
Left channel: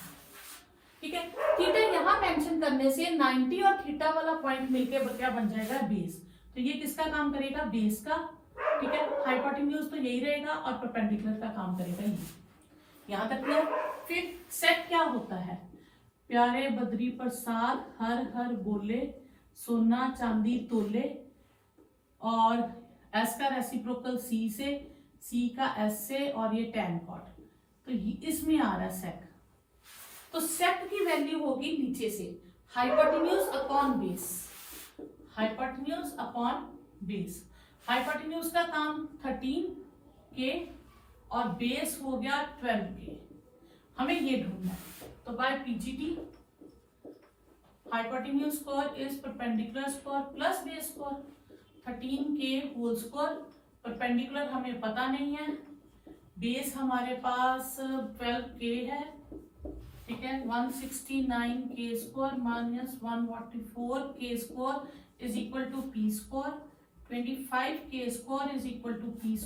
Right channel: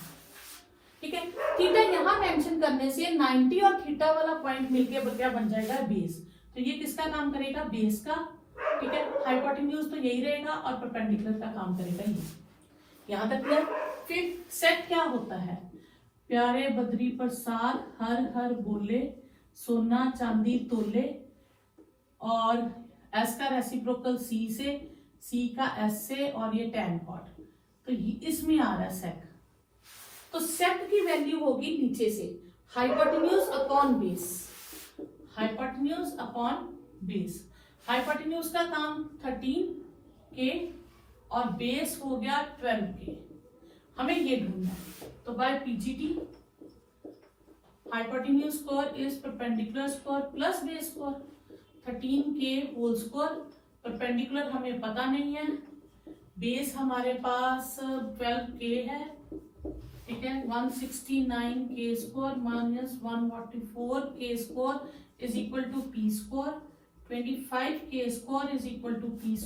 ठीक है। थीटा यहाँ मेंशन करने से 90 और थीटा वाला पॉइंट मिलके क्या बन जाएगा, बेस। तो ये किसका काम करेगा, बेस का, ठीक है। हाइपोटेन्यूज तो यही रहेगा और परपेंडिकुलर का काम करेगा ये, यहाँ तक क्लियर। फिर सेक क्या होता है, प्यारे बद्री प्रसाद हर हर बोले सोना चांदी तोले, और S का रेसिप्रोकल C से, C का S से, और ये tan cot, तो इसमें आ रहा है सेक। तो सेक की वैल्यू होगी नीचे से hypotenuse upon base, hypotenuse upon base. Hypotenuse का काम 13 के और बेस हो गया 12 के, हमें ये ढूंढना है। तो by PGT hypotenuse square is perpendicular square plus base square, 13 के होल स्क्वायर, परपेंडिकुलर हमें पता नहीं है, बेस हमारे पास 12 के है, ठीक है। 169 के स्क्वायर माइनस 144 के square is equal to P square, 25 के square is equal to P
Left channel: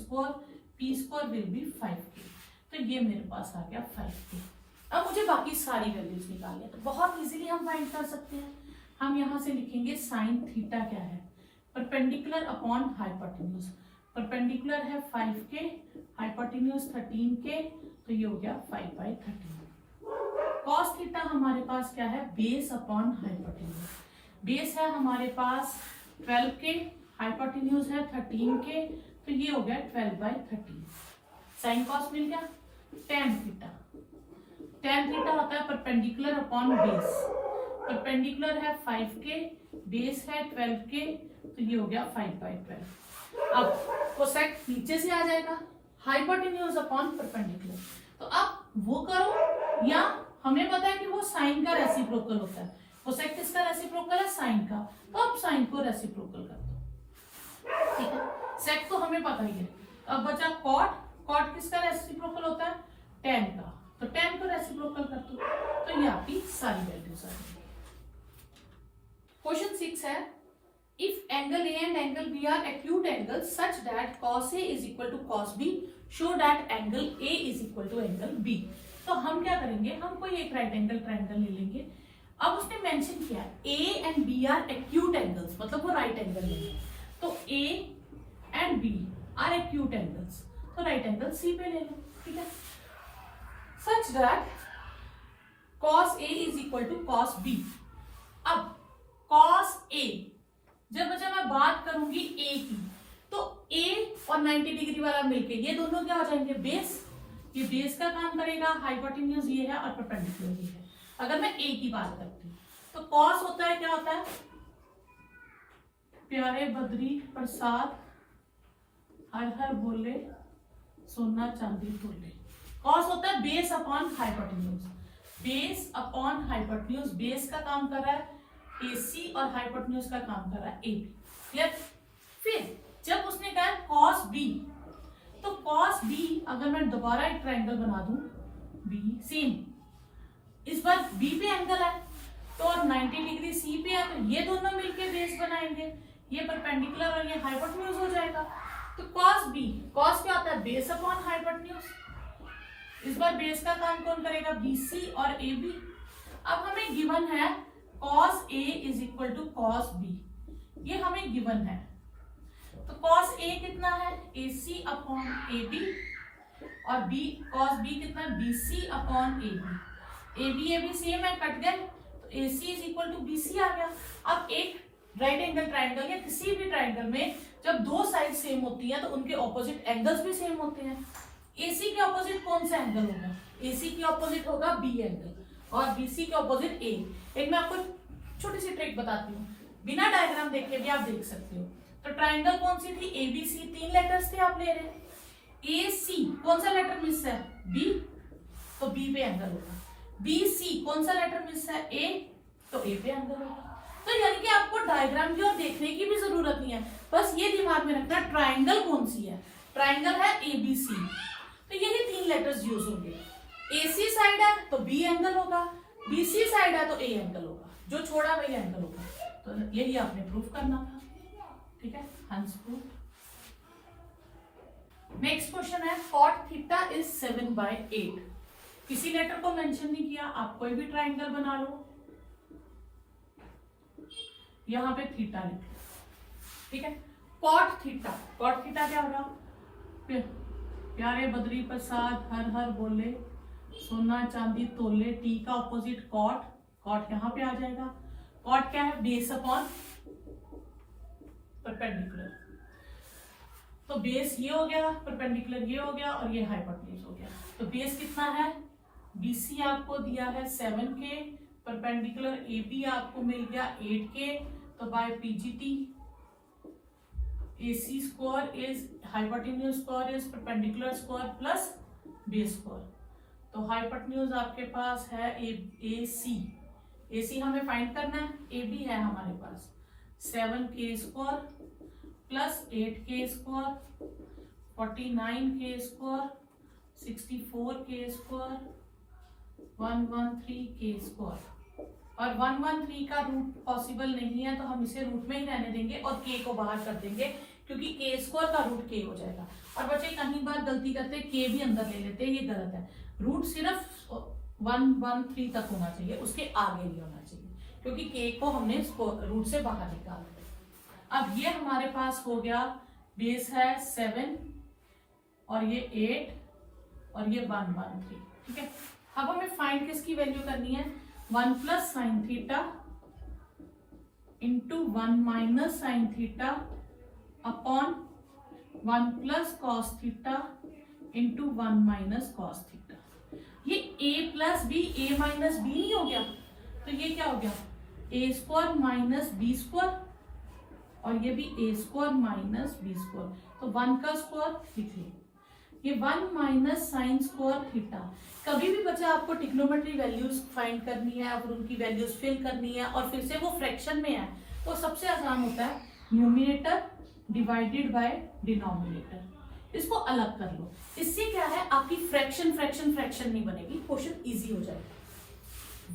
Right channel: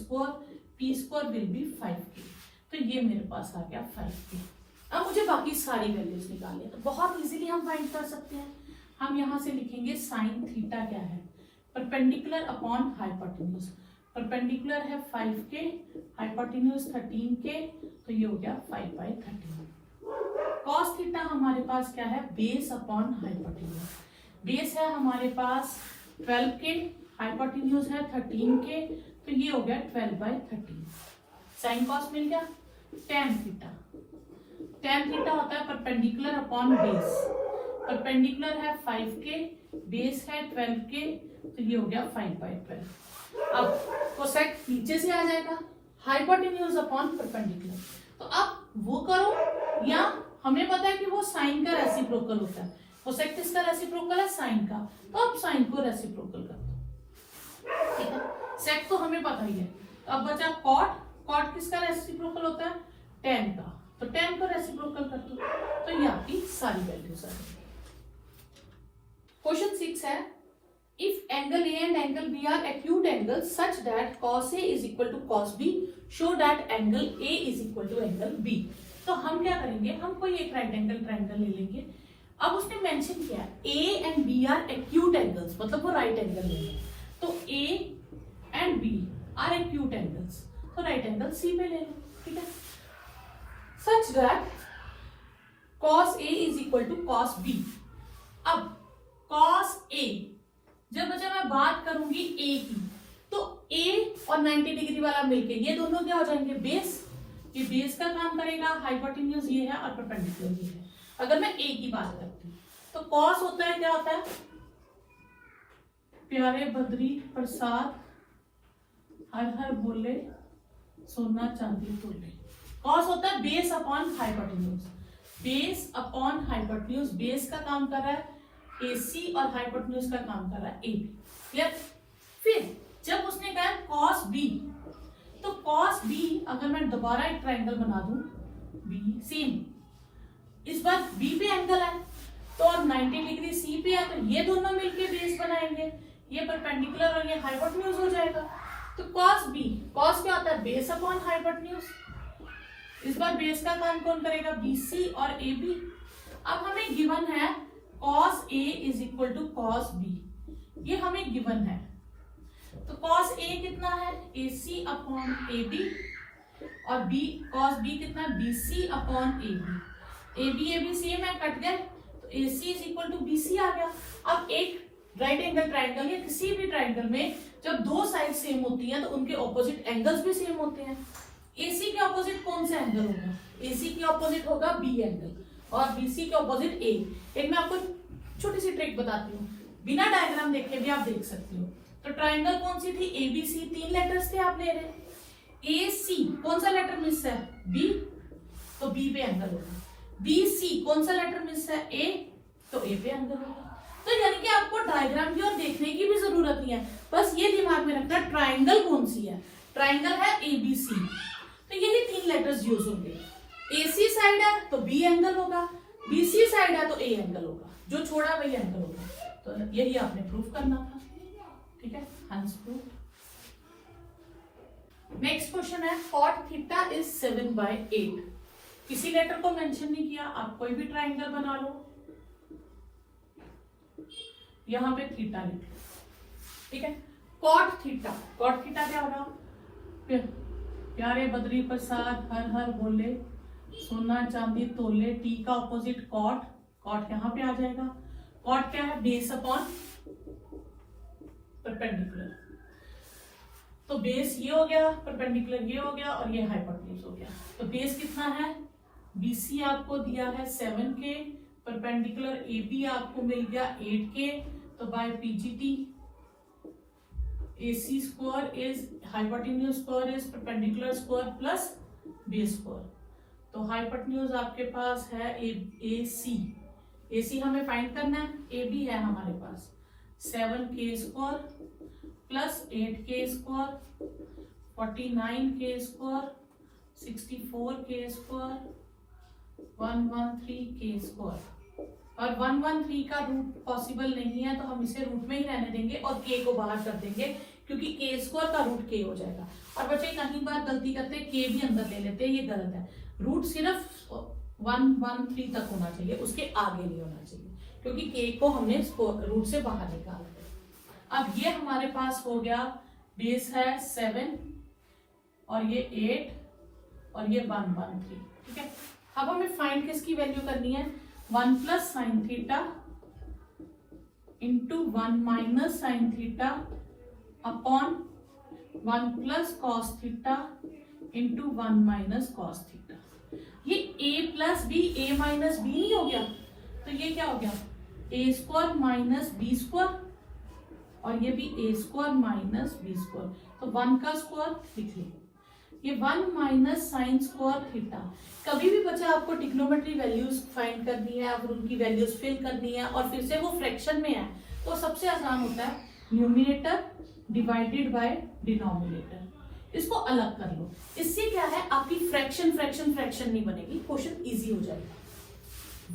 square will be 5k। तो ये मेरे पास आ गया 5k। अब मुझे बाकी सारी वैल्यूज निकालनी है, तो बहुत इजीली हम फाइंड कर सकते हैं। हम यहाँ से लिखेंगे साइन थीटा क्या है, परपेंडिकुलर अपॉन हाइपोटेन्यूज, परपेंडिकुलर है 5k, हाइपोटेन्यूज 13k, तो ये हो गया 5/13। कॉस थीटा हमारे पास क्या है, बेस अपॉन हाइपोटेन्यूज, बेस है हमारे पास 12k, हाइपोटेन्यूज है 13k, तो ये हो गया 12/13। साइन कॉस मिल गया। टेन थीटा, टेन थीटा होता है परपेंडिकुलर अपॉन बेस, परपेंडिकुलर है 5k, बेस है 12k, तो ये हो गया 5/12। अब कोसेक नीचे से आ जाएगा, हाइपोटेन्यूज अपॉन परपेंडिकुलर, तो अब वो करो, या हमें पता है कि वो साइन का रेसिप्रोकल होता है, कोसेक किसका रेसिप्रोकल है, साइन का, तो अब साइन को रेसिप्रोकल कर दो, ठीक है। सेक तो हमें पता ही है, तो अब बचा कॉट, कॉट किसका रेसिप्रोकल होता है, टेन का, तो टेन को रेसिप्रोकल कर दो, तो ये आपकी सारी वैल्यूज आ जाएगी। क्वेश्चन 6 है, if angle A and angle B are acute angles such that cos A is equal to cos B, show that angle A is equal to angle B। तो हम क्या करेंगे, हम कोई एक राइट एंगल ट्राइंगल ले लेंगे। अब उसने मेंशन किया A and B are acute angles, मतलब वो राइट एंगल ले लें, तो A and B are acute angles, तो राइट एंगल C पे ले लो, ठीक है। Such that cos A is equal to cos B। अब cos A, जब मैं बात करूंगी A की, तो A और 90 डिग्री वाला मिलके ये दोनों क्या हो जाएंगे, बेस, ये बेस का काम करेगा, हाइपोटेन्यूज ये है और परपेंडिकुलर ये है। अगर मैं A की बात करती हूँ, तो cos होता है, क्या होता है, प्यारे बद्री प्रसाद हर हर बोले सोना चांदी तोले, कॉस होता है base upon hypotenuse, base upon hypotenuse, base का काम कर रहा है AC और हाइपोटेन्यूज का काम कर रहा है AB, क्लियर। फिर जब उसने कहा cos B, तो cos B अगर मैं दोबारा एक ट्राइंगल बना दूं B, सेम, इस बार B पे एंगल है, तो और 90 डिग्री C पे है, तो ये दोनों मिलके बेस बनाएंगे, ये परपेंडिकुलर और ये हाइपोटेन्यूज हो जाएगा। तो cos B, cos क्या होता है, बेस अपॉन हाइपोटेन्यूज, इस बार बेस का काम कौन करेगा, BC और AB। अब हमें गिवन है cos A is equal to cos B, ये हमें गिवन है, तो cos A कितना है, AC अपॉन AB, और B cos B कितना, BC अपॉन AB सेम है, कट गए, तो AC is equal to BC आ गया। अब एक राइट एंगल ट्राइंगल या किसी भी ट्राइंगल में जब दो साइड सेम होती हैं, तो उनके ऑपोजिट एंगल्स भी सेम होते हैं। AC के ऑपोजिट कौन सा एंगल होगा, AC के ऑपोजिट होगा B एंगल, और BC के ऑपोजिट A। एक मैं आपको छोटी सी ट्रिक बताती हूँ, बिना डायग्राम देखे भी आप देख सकते हो। तो ट्राइंगल कौन सी थी, ABC, 3 लेटर्स थे आप ले रहे, AC कौन सा लेटर मिस है, B, तो B पे एंगल होगा, BC कौन सा लेटर मिस है, A, तो A पे एंगल होगा। तो यानी कि आपको डायग्राम की और देखने की भी जरूरत नहीं है, बस ये दिमाग में रखना ट्राइंगल कौन सी है, ट्राइंगल है ABC, तो यही 3 लेटर्स यूज होंगे। AC साइड है तो B एंगल होगा, BC साइड है तो A एंगल होगा, जो छोड़ा वही एंगल होगा। तो यही आपने प्रूफ करना था, ठीक है, हंस प्रूफ। नेक्स्ट क्वेश्चन है, cot थीटा इज 7/8। किसी लेटर को मेंशन नहीं किया, आप कोई भी ट्राइंगल बना लो, यहां पे थीटा लिख लो, ठीक है। cot थीटा क्या होगा, प्यारे बद्री प्रसाद हर हर बोले सोना चांदी तोले, T का ऑपोजिट कॉट यहाँ पे आ जाएगा। कॉट क्या है, बेस अपॉन परपेंडिकुलर, तो बेस ये हो गया, परपेंडिकुलर ये हो गया, और ये हाइपोटेन्यूज हो गया। तो बेस कितना है, BC आपको दिया है 7K, परपेंडिकुलर AB आपको मिल गया 8K, तो bye PGT AC square is hypotenuse square is perpendicular square plus base square। तो हाइपोटेन्यूज आपके पास है AC, AC हमें फाइंड करना है, AB है हमारे पास 7k square plus 8k square 49k square 64k square 113k square. और 113 का रूट पॉसिबल नहीं है तो हम इसे रूट में ही रहने देंगे और k को बाहर कर देंगे, क्योंकि k स्क्वायर का रूट k हो जाएगा। और बच्चे कहीं बार गलती करते हैं k भी अंदर ले लेते हैं, ये गलत है। रूट सिर्फ 113 तक होना चाहिए, उसके आगे नहीं होना चाहिए, क्योंकि k को हमने रूट से बाहर निकाल दिया। अब ये हमारे पास हो गया, बेस है 7 और ये 8 और ये 113, ठीक है। अब हमें फाइंड किसकी वैल्यू करनी है, 1 plus sine theta into 1 minus sine theta upon 1 plus cos theta into 1 minus cos theta. ये a plus B a minus B नहीं हो गया, तो ये क्या हो गया, a square minus B square, और ये भी a square minus B square. तो 1 का स्क्वायर लिख लिया, ये 1 माइनस साइन स्क्वायर थीटा। कभी भी बच्चे आपको ट्रिग्नोमेट्री वैल्यूज फाइंड करनी है और उनकी वैल्यूज फिल करनी है और फिर से वो फ्रैक्शन में है, तो सबसे आसान होता है न्यूमिनेटर डिवाइडेड बाय डिनोमिनेटर। इसको अलग कर लो, इससे क्या है आपकी फ्रैक्शन नहीं बनेगी, क्वेश्चन इजी हो जाएगा।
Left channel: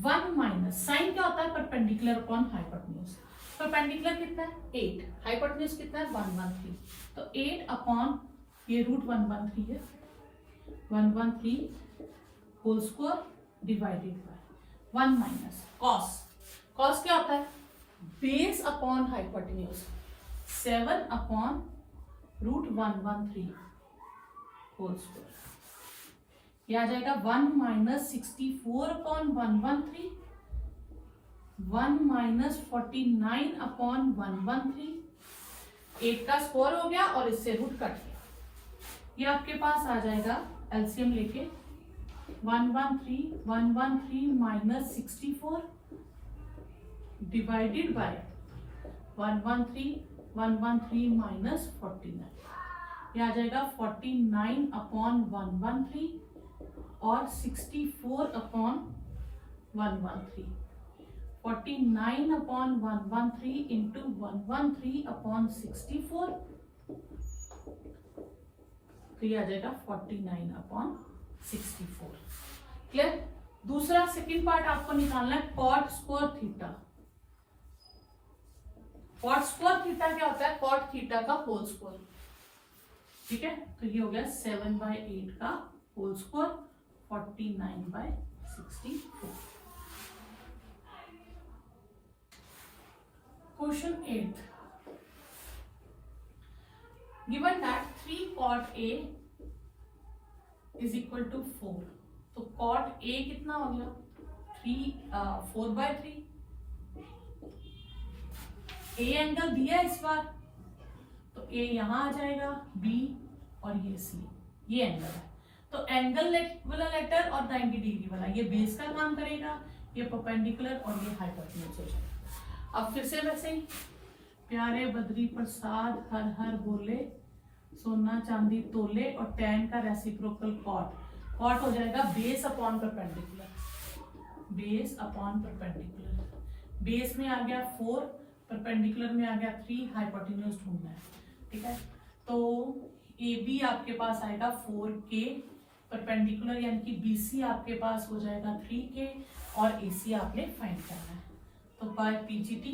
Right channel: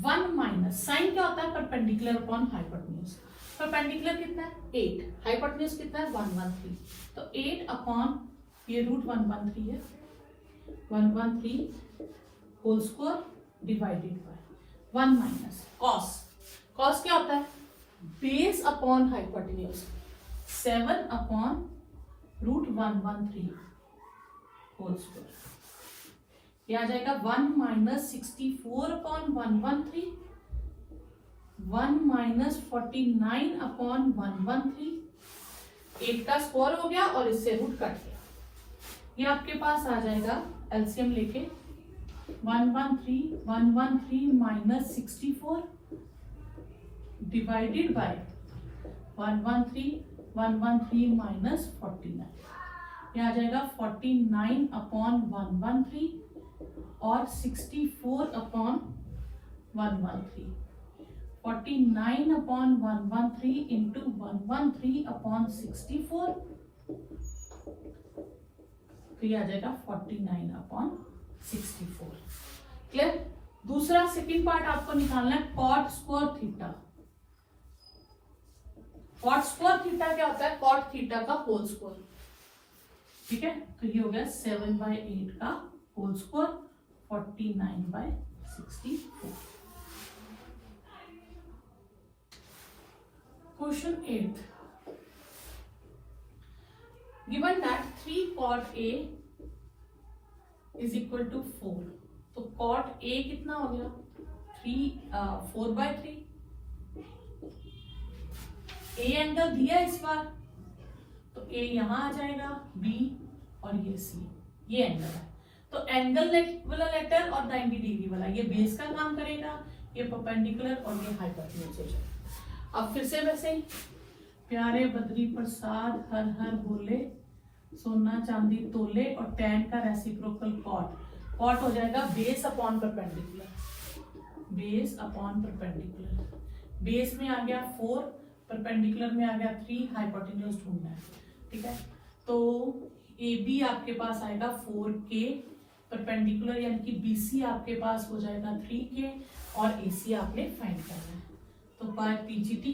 1 माइनस साइन क्या होता है, परपेंडिकुलर अपॉन हाइपोटेन्यूज। परपेंडिकुलर कितना है 8, हाइपोटेन्यूज कितना है 113, तो 8 अपॉन ये रूट 113 है, 113 whole square divided by 1 minus cos. Cos क्या होता है, base upon hypotenuse, 7 upon root 113 whole square. ये आ जाएगा 1 माइनस 64 अपॉन 113, 1 माइनस 49 अपॉन 113, 8 का स्क्वायर हो गया और इससे रूट कट गया। ये आपके पास आ जाएगा एलसीएम लेके 113 माइनस 64 डिवाइडेड बाय 113 माइनस 49। ये आ जाएगा 49 अपॉन 113 और 64 अपॉन 113। 49 अपॉन 113 इंटू 113 अपॉन 64, तो ये आ जाएगा 49 अपॉन 64। क्लियर। दूसरा सेकंड पार्ट आपको निकालना है cot square theta. Cot square theta क्या होता है, कॉट थीटा का होल स्क्वायर, ठीक है। तो ये हो गया 7/8 का whole square 49/64। Question 8, given that 3 cot A is equal to 4, तो cot A कितना हो गया 4/3। A एंगल दिया है इस बार, तो A यहां आ जाएगा, B और ये C, ये एंगल है। तो एंगल वाला लेटर और 90 डिग्री वाला ये बेस का काम करेगा, ये परपेंडिकुलर और ये हाइपोटेन्यूज हो जाएगा। अब फिर से वैसे ही, प्यारे बद्री प्रसाद हर हर बोले, सोना चांदी तोले, और tan का रेसिप्रोकल कॉट हो जाएगा base upon perpendicular, base upon perpendicular. Base में आ गया 4, परपेंडिकुलर में आ गया 3, हाइपोटेन्यूज ढूंढना है, ठीक है। तो AB आपके पास आएगा 4K, परपेंडिकुलर यानी कि BC आपके पास हो जाएगा 3K और AC आपने फाइंड करना है। तो bye PGT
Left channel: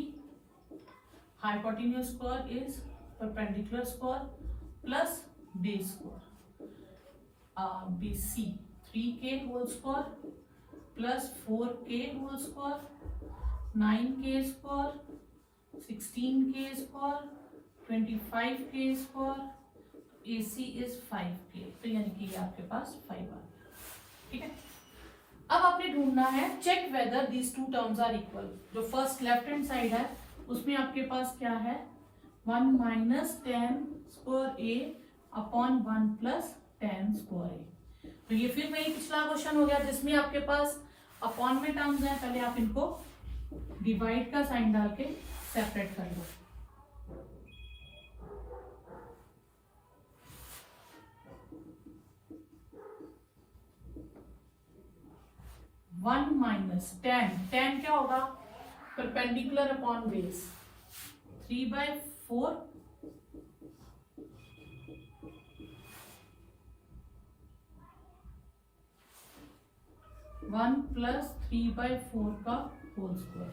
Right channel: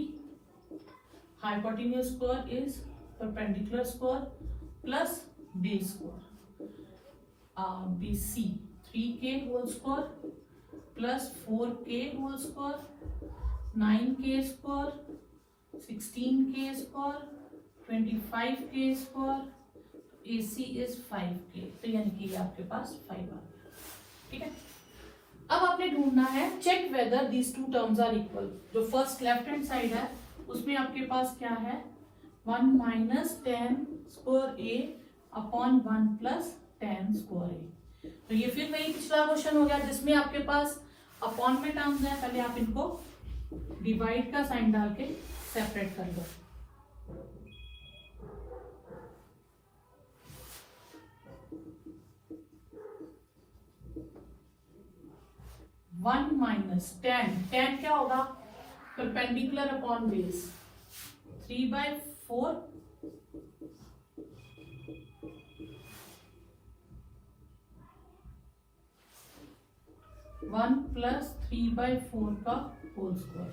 hypotenuse square is perpendicular square plus base square, BC 3K whole square plus 4K whole square, 9K square, 16K square, 25K square, AC is 5K, तो यानी कि आपके पास 5 आ गया, ठीक है। अब आपने ढूंढना है check whether these two terms are equal. जो फर्स्ट लेफ्ट हैंड साइड है उसमें आपके पास क्या है 1 minus tan square A upon 1 plus tan square A। तो ये फिर वही पिछला क्वेश्चन हो गया जिसमें आपके पास अपॉन में टर्म्स है, पहले आप इनको डिवाइड का साइन डाल के सेपरेट कर लो। 1 माइनस टेन, टेन क्या होगा, परपेंडिकुलर अपॉन बेस, 3/4 1 प्लस 3/4 का whole square,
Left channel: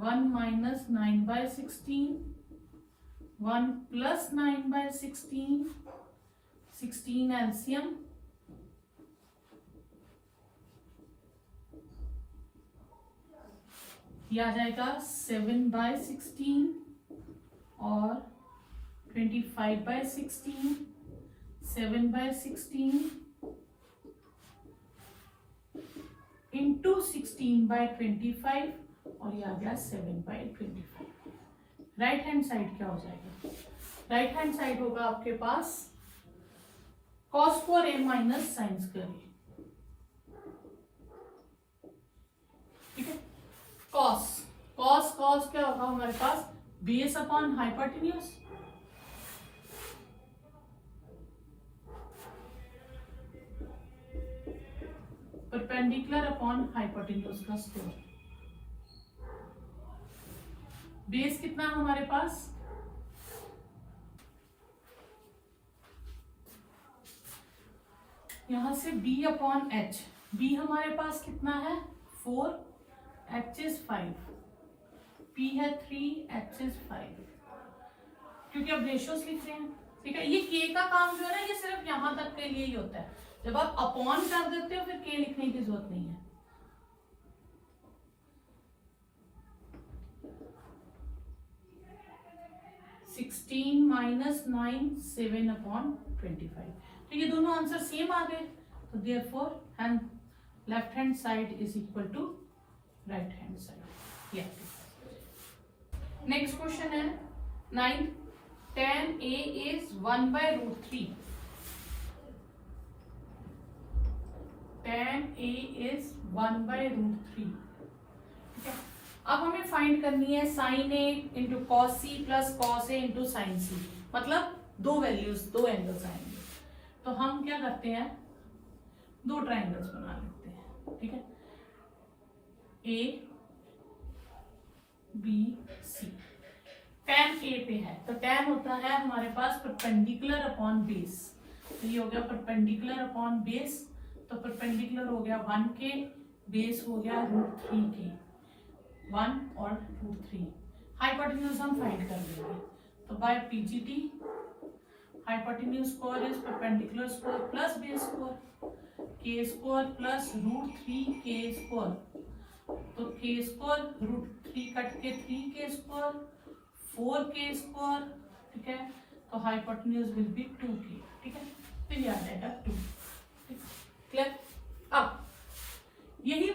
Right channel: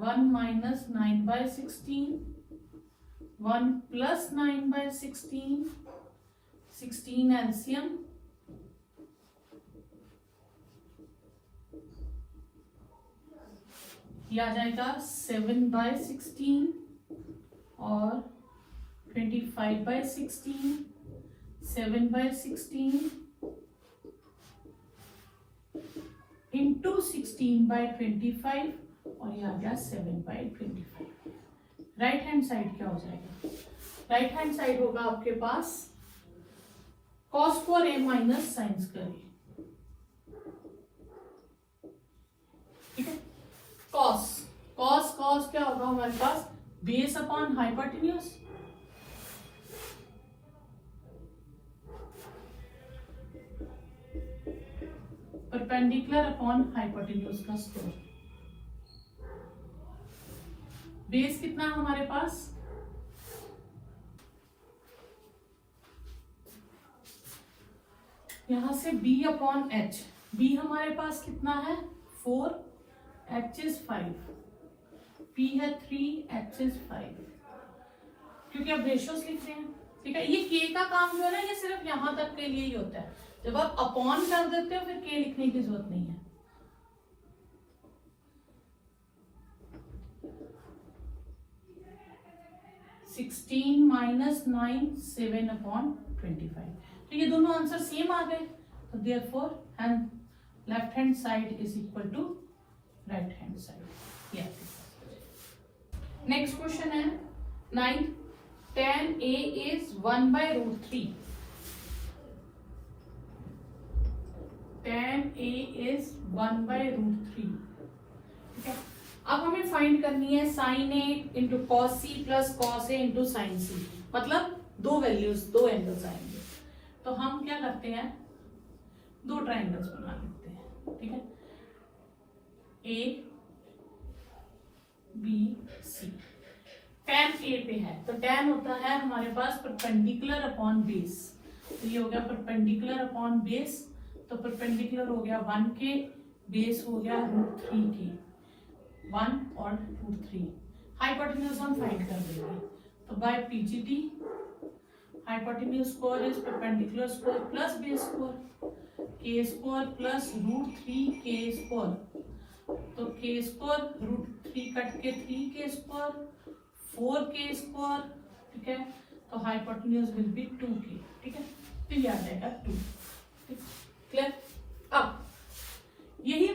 1 minus 9/16, 1 plus 9/16, 16 LCM, ये आ जाएगा 7/16 और 25/16, 7/16 इंटू 16/25 और ये आ गया 7/25। राइट हैंड साइड क्या हो जाएगा, राइट हैंड साइड होगा आपके पास cos square a minus sine square a, ठीक है। cos cos cos क्या होगा हमारे पास, base upon hypotenuse, perpendicular upon hypotenuse का स्क्वायर, बेस कितना हमारे पास, यहां से b अपॉन h, b हमारे पास कितना है 4, h इज 5, p है 3, h इज 5, क्योंकि अब रेशियोस लिख रहे हैं, ठीक है। ये k का काम जो है ना, ये सिर्फ यहां तक के लिए ही होता है, जब आप अपॉन कर देते हो फिर k लिखने की जरूरत नहीं है। सिक्सटीन माइनस 9, 7/25, तो ये दोनों आंसर सेम आ गए, तो therefore hand left hand side is equal to right hand side. या नेक्स्ट क्वेश्चन है 9, tan a is 1/√3, tan a is 1/√3, ठीक है। अब हमें फाइंड करनी है sine A into cos C plus cos A into sine C, मतलब दो वैल्यूज, दो एंगल्स आएंगे, तो हम क्या करते हैं, दो ट्राइंगल्स बना लेते हैं, ठीक है। ए बी सी, tan ए पे है तो tan होता है हमारे पास परपेंडिकुलर अपॉन बेस, तो ये हो गया परपेंडिकुलर अपॉन बेस, तो परपेंडिकुलर हो गया 1 के, बेस हो गया √3 के, 1 और √3, हाइपोटेन्यूज हम फाइंड कर देंगे, तो by PGT hypotenuse square is perpendicular square plus base square, के स्क्वायर प्लस √3 के स्क्वायर, तो के स्क्वायर √3 कट के 3 के स्क्वायर, 4 के स्क्वायर, ठीक है, तो हाइपोटेन्यूज विल बी 2k, ठीक है, तो ये आ जाएगा 2, क्लियर। अब यही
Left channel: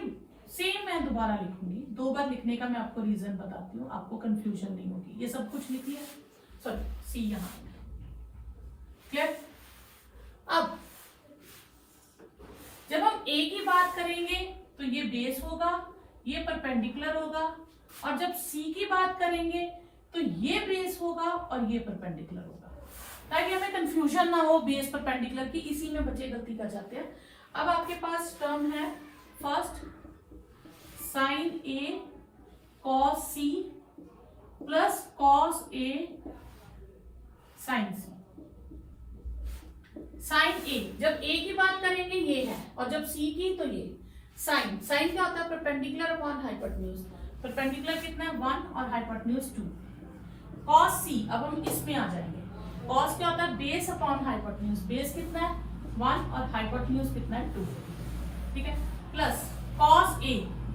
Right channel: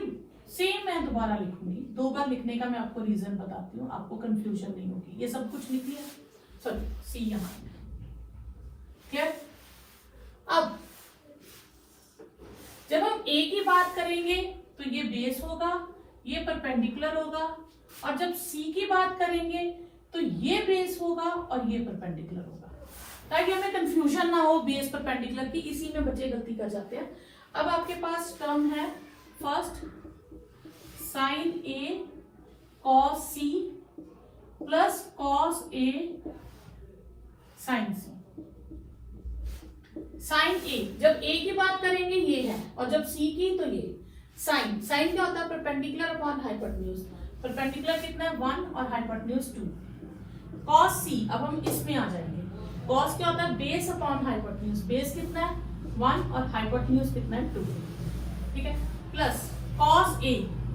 सेम मैं दोबारा लिखूंगी, दो बार लिखने का मैं आपको रीजन बताती हूँ, आपको कंफ्यूजन नहीं होगी, ये सब कुछ लिख लिया, सॉरी सी यहां, क्लियर। अब जब हम a की बात करेंगे तो ये बेस होगा, ये परपेंडिकुलर होगा, और जब c की बात करेंगे तो ये बेस होगा और ये परपेंडिकुलर होगा, ताकि हमें कंफ्यूजन ना हो बेस परपेंडिकुलर की, इसी में बच्चे गलती कर जाते हैं। अब आपके पास टर्म है फर्स्ट साइन ए कॉस सी प्लस कॉस ए साइन सी। साइन ए, जब ए की बात करेंगे ये है, और जब सी की तो ये साइन, साइन क्या होता है परपेंडिकुलर अपॉन हाइपोटेन्यूज, परपेंडिकुलर कितना है 1 और हाइपोटेन्यूज 2। कॉस सी, अब हम इसमें आ जाएंगे, कॉस क्या होता है बेस अपॉन हाइपोटेन्यूज, बेस कितना है 1 और हाइपोटेन्यूज कितना है 2, ठीक है, प्लस कॉस ए,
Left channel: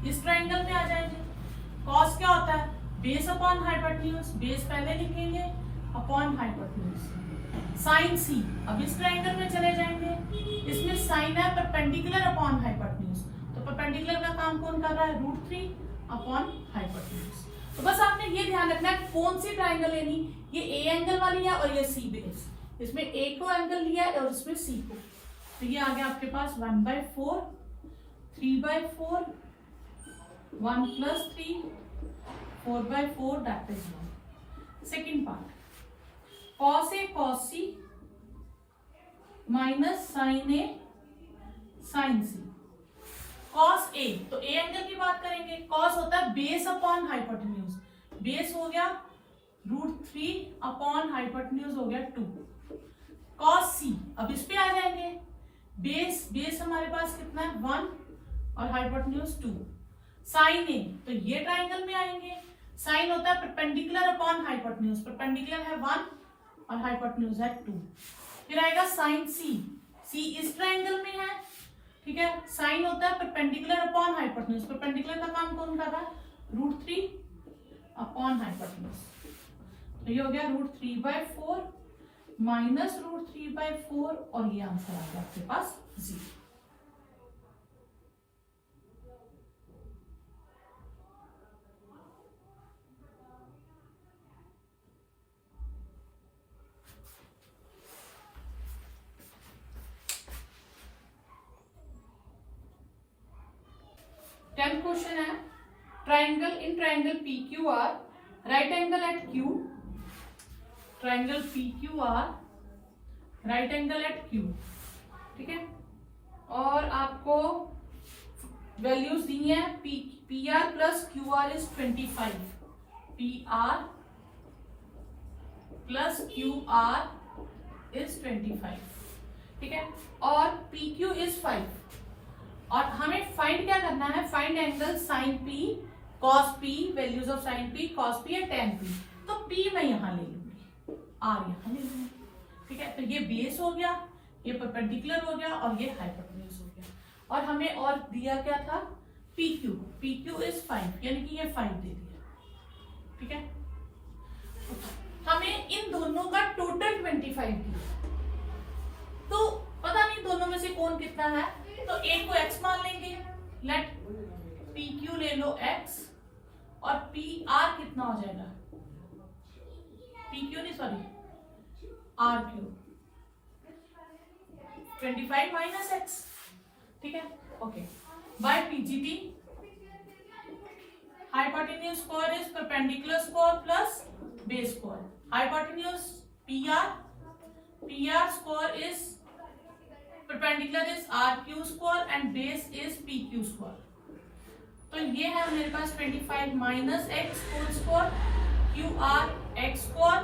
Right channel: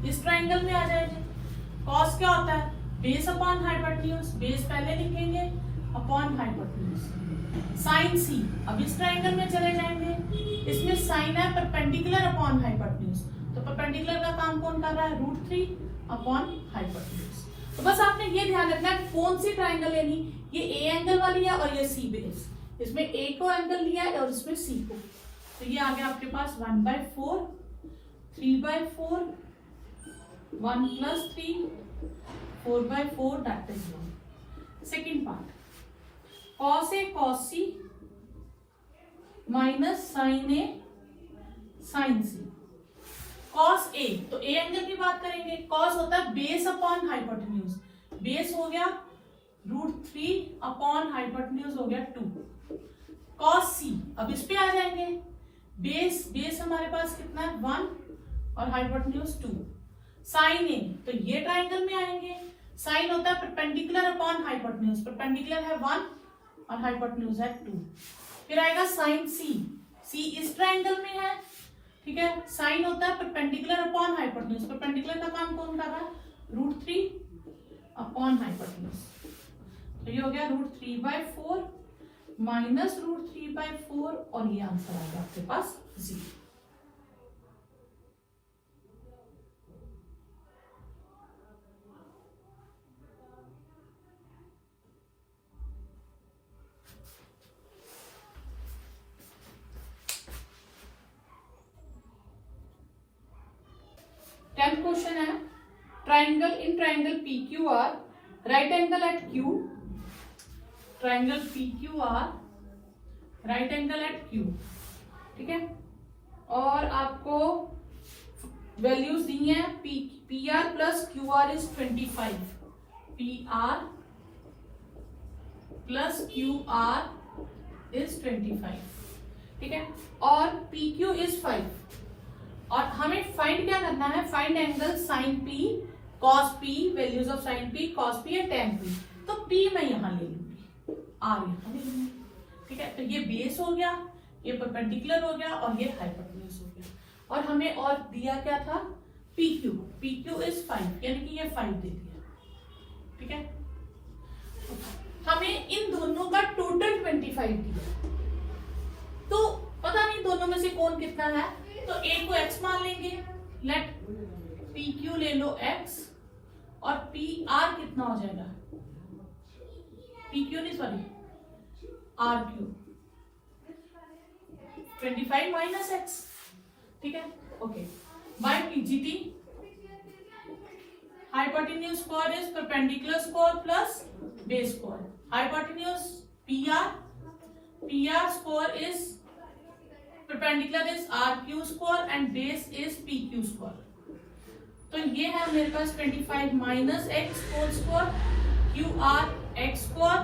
इस ट्राइंगल में आ जाएंगे, कॉस क्या होता है बेस अपॉन हाइपोटेन्यूज, बेस पहले लिखेंगे अपॉन हाइपोटेन्यूज, साइन सी, अब इस ट्राइंगल में चले जाएंगे, इसमें साइन है परपेंडिकुलर अपॉन हाइपोटेन्यूज, तो परपेंडिकुलर का काम कौन कर रहा है √3 अपॉन हाइपोटेन्यूज। तो बस आपने ये ध्यान रखना है कौन सी ट्राइंगल लेनी, ये ए एंगल वाली है और ये सी बेस, इसमें ए को एंगल लिया है और इसमें सी को, तो ये आ गया आपके पास 1/4, 3/4, 1 + 3, 4/4, that is 1. Second part, cos A cos C minus sin A sin C. Cos A, तो ए एंगल की बात करेंगे, कॉस होता है बेस अपॉन हाइपोटेन्यूज, बेस हो गया √3 अपॉन हाइपोटेन्यूज हो गया 2। कॉस सी, अब इस पे आ जाएंगे, बेस हमारे पास कितना है 1 और हाइपोटेन्यूज 2। साइन ए, तो ये ट्राइंगल में आएंगे, साइन होता है परपेंडिकुलर अपॉन हाइपोटेन्यूज, परपेंडिकुलर है 1 और हाइपोटेन्यूज है 2। फिर आएगा साइन सी, सी इस ट्राइंगल में है, ठीक है, साइन होता है परपेंडिकुलर अपॉन हाइपोटेन्यूज, परपेंडिकुलर का काम कौन कर रहा है √3 अपॉन हाइपोटेन्यूज, तो ये हो गया √3/4 माइनस √3/4 और ये आंसर आ गया आपके पास 0। टेंथ क्वेश्चन है, triangle in triangle PQR, right angle at Q, triangle PQR, right angle at Q, ठीक है, और आपको वैल्यूज दी हैं, PR plus QR is 25, PR plus QR is 25, ठीक है, और PQ इज 5, और हमें फाइंड क्या करना है, find angle sine P cos P, values of sine P cos P या टेन P, तो P मैं यहां ले लूंगी, R यहां ले लूंगी, ठीक है, तो ये बेस हो गया, ये परपेंडिकुलर हो गया और ये हाइपोटेन्यूज हो गया, और हमें और दिया क्या था PQ, PQ इज 5, यानी कि ये 5 दे दिया, ठीक है, हमें इन दोनों का टोटल 25 दिया, तो पता नहीं दोनों में से कौन कितना है, तो A को x मान लेंगे, लेट PQ ले लो x और PR कितना हो जाएगा, PQ नहीं सॉरी RQ, 25 माइनस x, ठीक है, okay, by PGT, hypotenuse square is perpendicular square plus base square, hypotenuse PR square is perpendicular is RQ square and base is PQ square, तो ये है मेरे पास 25 माइनस x whole square, QR x square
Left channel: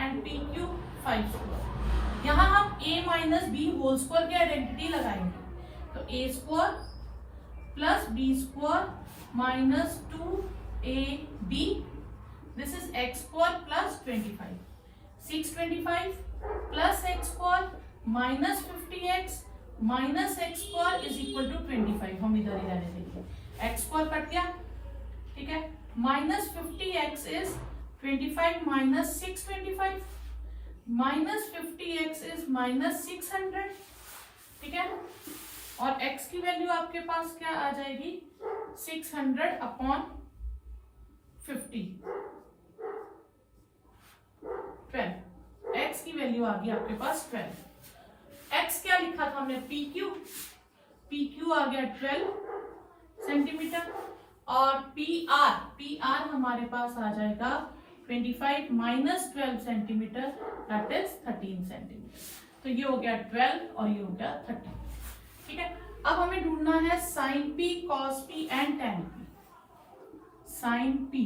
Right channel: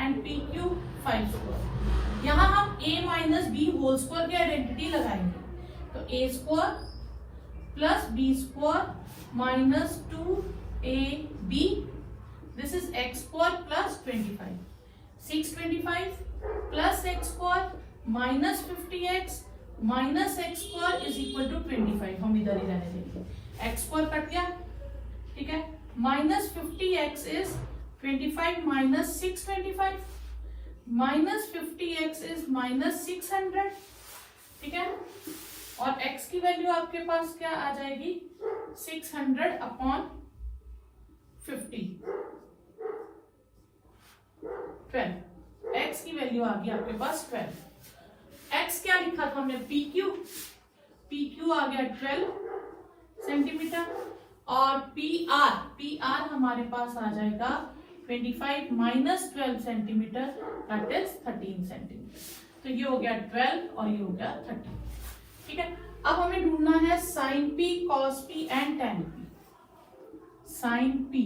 and PQ 5 square, यहाँ हम A minus B whole square की आइडेंटिटी लगाएंगे, तो A square plus B square minus 2AB, this is x square plus 25, 625 plus x square minus 50x minus x square is equal to 25, हम इधर ही रहने देंगे, एक्स स्क्वायर कट गया, ठीक है, minus 50x is 25 minus 625, minus 50x is minus 600, ठीक है, और x की वैल्यू आपके पास क्या आ जाएगी 600 अपॉन 50, 12, x की वैल्यू आ गई आपके पास 12, x क्या लिखा था हमने PQ आ गया 12 सेंटीमीटर, और PR हमारे पास आ जाएगा 25 minus 12 centimetre, that is 13 centimetre, तो ये हो गया 12 और ये हो गया 13, ठीक है, अब हमें ढूंढना है sine P cos P and tan P, sine P,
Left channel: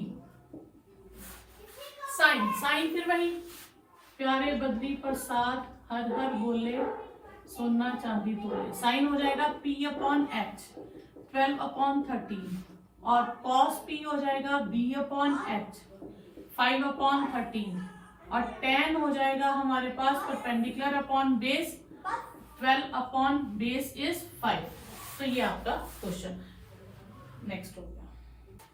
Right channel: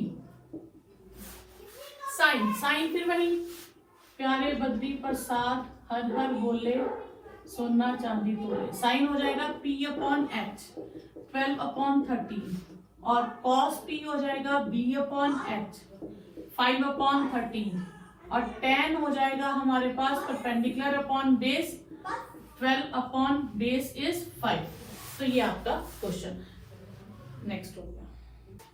sine फिर वही प्यारे बद्री प्रसाद हर हर बोले सोना चांदी तोले, साइन हो जाएगा P अपॉन H 12 अपॉन 13, और कॉस P हो जाएगा B अपॉन H 5 अपॉन 13, और टेन हो जाएगा हमारे पास perpendicular upon base 12 upon base is 5, तो ये आपका क्वेश्चन नेक्स्ट होगा।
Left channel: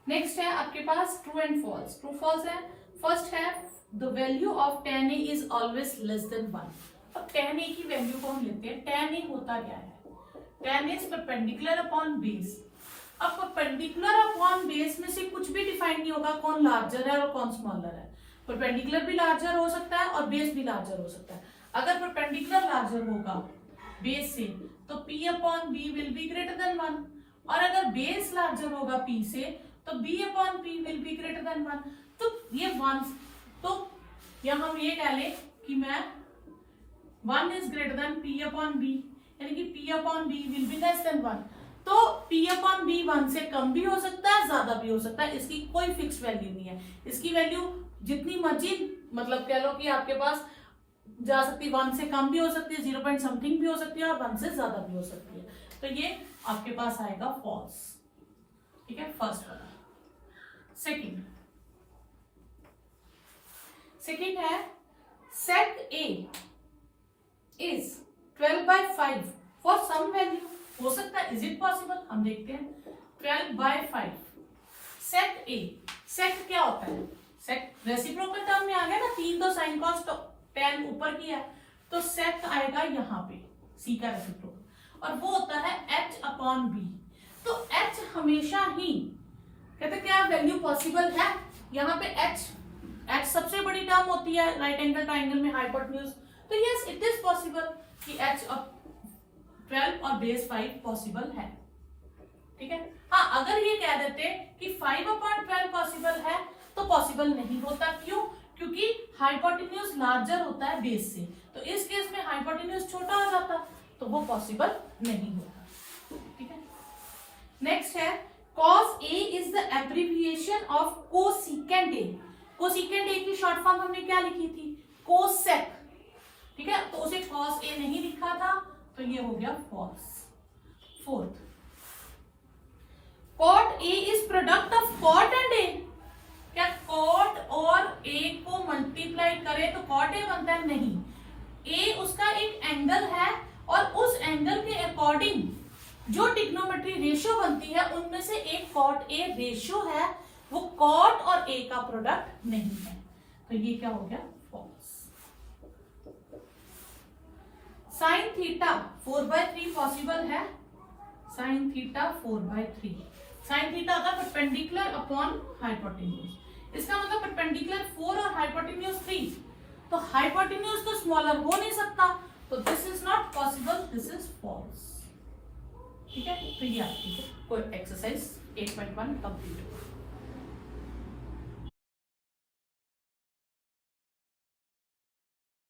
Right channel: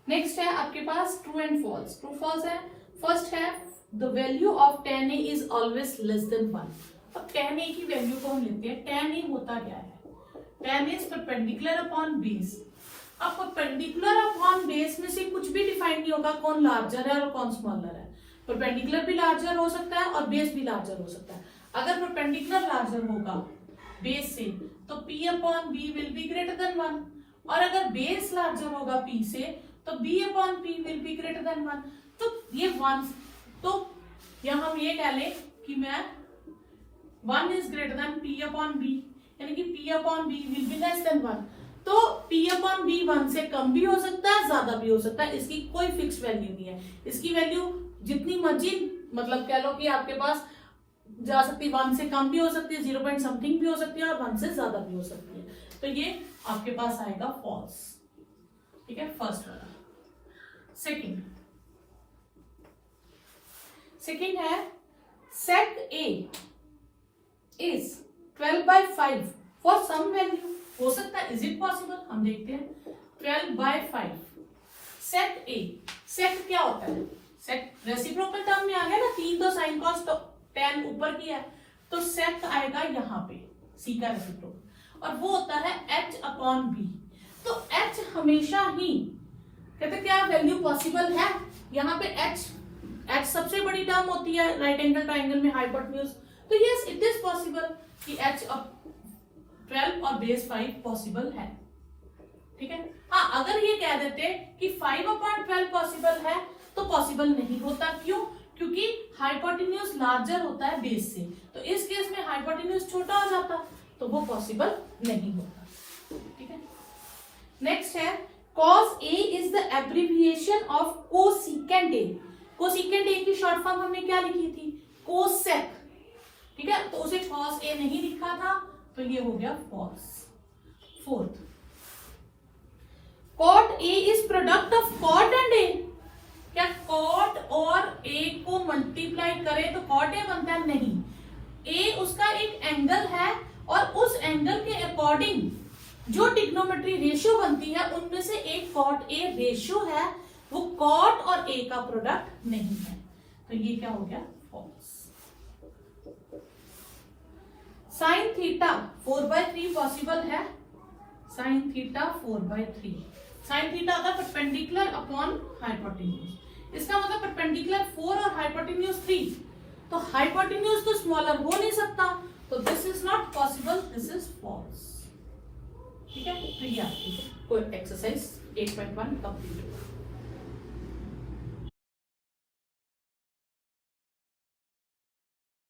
नेक्स्ट है आपके पास true and false, true false है, फर्स्ट है the value of tan A is always less than 1, अब tan A की वैल्यू को हम लेते हैं, tan A होता क्या है, tan is perpendicular upon base, अब परपेंडिकुलर अपॉन बेस में से कुछ भी डिफाइन नहीं होगा कौन लार्जर है और कौन स्मॉलर है, परपेंडिकुलर भी लार्जर हो सकता है और बेस भी लार्जर हो सकता है, अगर परपेंडिकुलर लार्जर होगा बेस से तो P upon B will be greater than 1, और अगर बेस लार्जर होगा P से तो B upon P will be greater than 1, तो ये 1, तो यहां हम ये कह लें कि मैं 1 is greater than P upon B, यानी कि P upon B will be less than 1, तो P अपॉन B 1 से कम भी हो सकता है, ज्यादा भी हो सकता है, इसकी कोई फिक्स वैल्यू नहीं है। इसकी वैल्यू जितनी मर्जी, मतलब कह लो कि आपके पास जा सकती है, 1 से कम भी हो सकती है, 0 पॉइंट समथिंग भी हो सकती है, और 1 से ज्यादा भी हो सकती है। तो ये आपके पास आएगा फॉल्स। ठीक है, फर्स्ट वाला। सेकंड है sec A is 12/5 for some value. हो सकता है, इज इट पॉसिबल, हम देखते हैं। 12/5 सेट A, सेट क्या होता है? सेट रेसिप्रोकल टर्म में आ गया ना, 3 तो साइन कॉस tan ऊपर किया है, तो सेट आएगा यहाँ पे C का रेसिप्रोकल, और वो होता है H अपॉन B। तो H हमेशा ही कहते क्या वैल्यू पॉसिबल है, यहाँ पे H सबसे बड़ी टर्म होती है राइट एंगल ट्राइंगल में, हाइपोटेन्यूज। तो यस, इट इज पॉसिबल कि H अब 12 और बेस 5 पॉसिबल है। ठीक है, हाँ, अगर ये कह देते कि 5/12 पॉसिबल है तो पॉसिबल नहीं होता। क्यों? क्योंकि हाइपोटेन्यूज लार्जर होता है बेस से, तो इस केस में हाइपोटेन्यूज छोटा हो जाता, तो वो पॉसिबल नहीं होता। ठीक है, नेक्स्ट है cos A is the abbreviation of cosecant A। Cosecant A की शॉर्ट फॉर्म हमने क्या लिखी थी? कोसेक। ठीक है, तो उसे cos A नहीं लिखा था, तो ये हो गया false. Fourth, cot A is product of cot and A। क्या cot और A को मल्टीप्लाई करें तो cot A बनता है? नहीं, A उसका एक एंगल है, और उस एंगल के अकॉर्डिंग जो ट्रिग्नोमेट्री रेशियो बनती है, उनमें से एक cot A रेशियो है, वो cot और A का प्रोडक्ट नहीं है। तो ये क्या हो गया? फॉल्स। साइन थीटा 4/3 पॉसिबल है। साइन थीटा 4/3, साइन थीटा होता है परपेंडिकुलर अपॉन हाइपोटेन्यूज। इसका मतलब परपेंडिकुलर 4 और हाइपोटेन्यूज 3, तो हाइपोटेन्यूज तो स्मॉलर हो नहीं सकता, तो this is not possible, this is false. ठीक है, तो ये आपकी कोई एक्सरसाइज 8.1 कंप्लीट हुआ।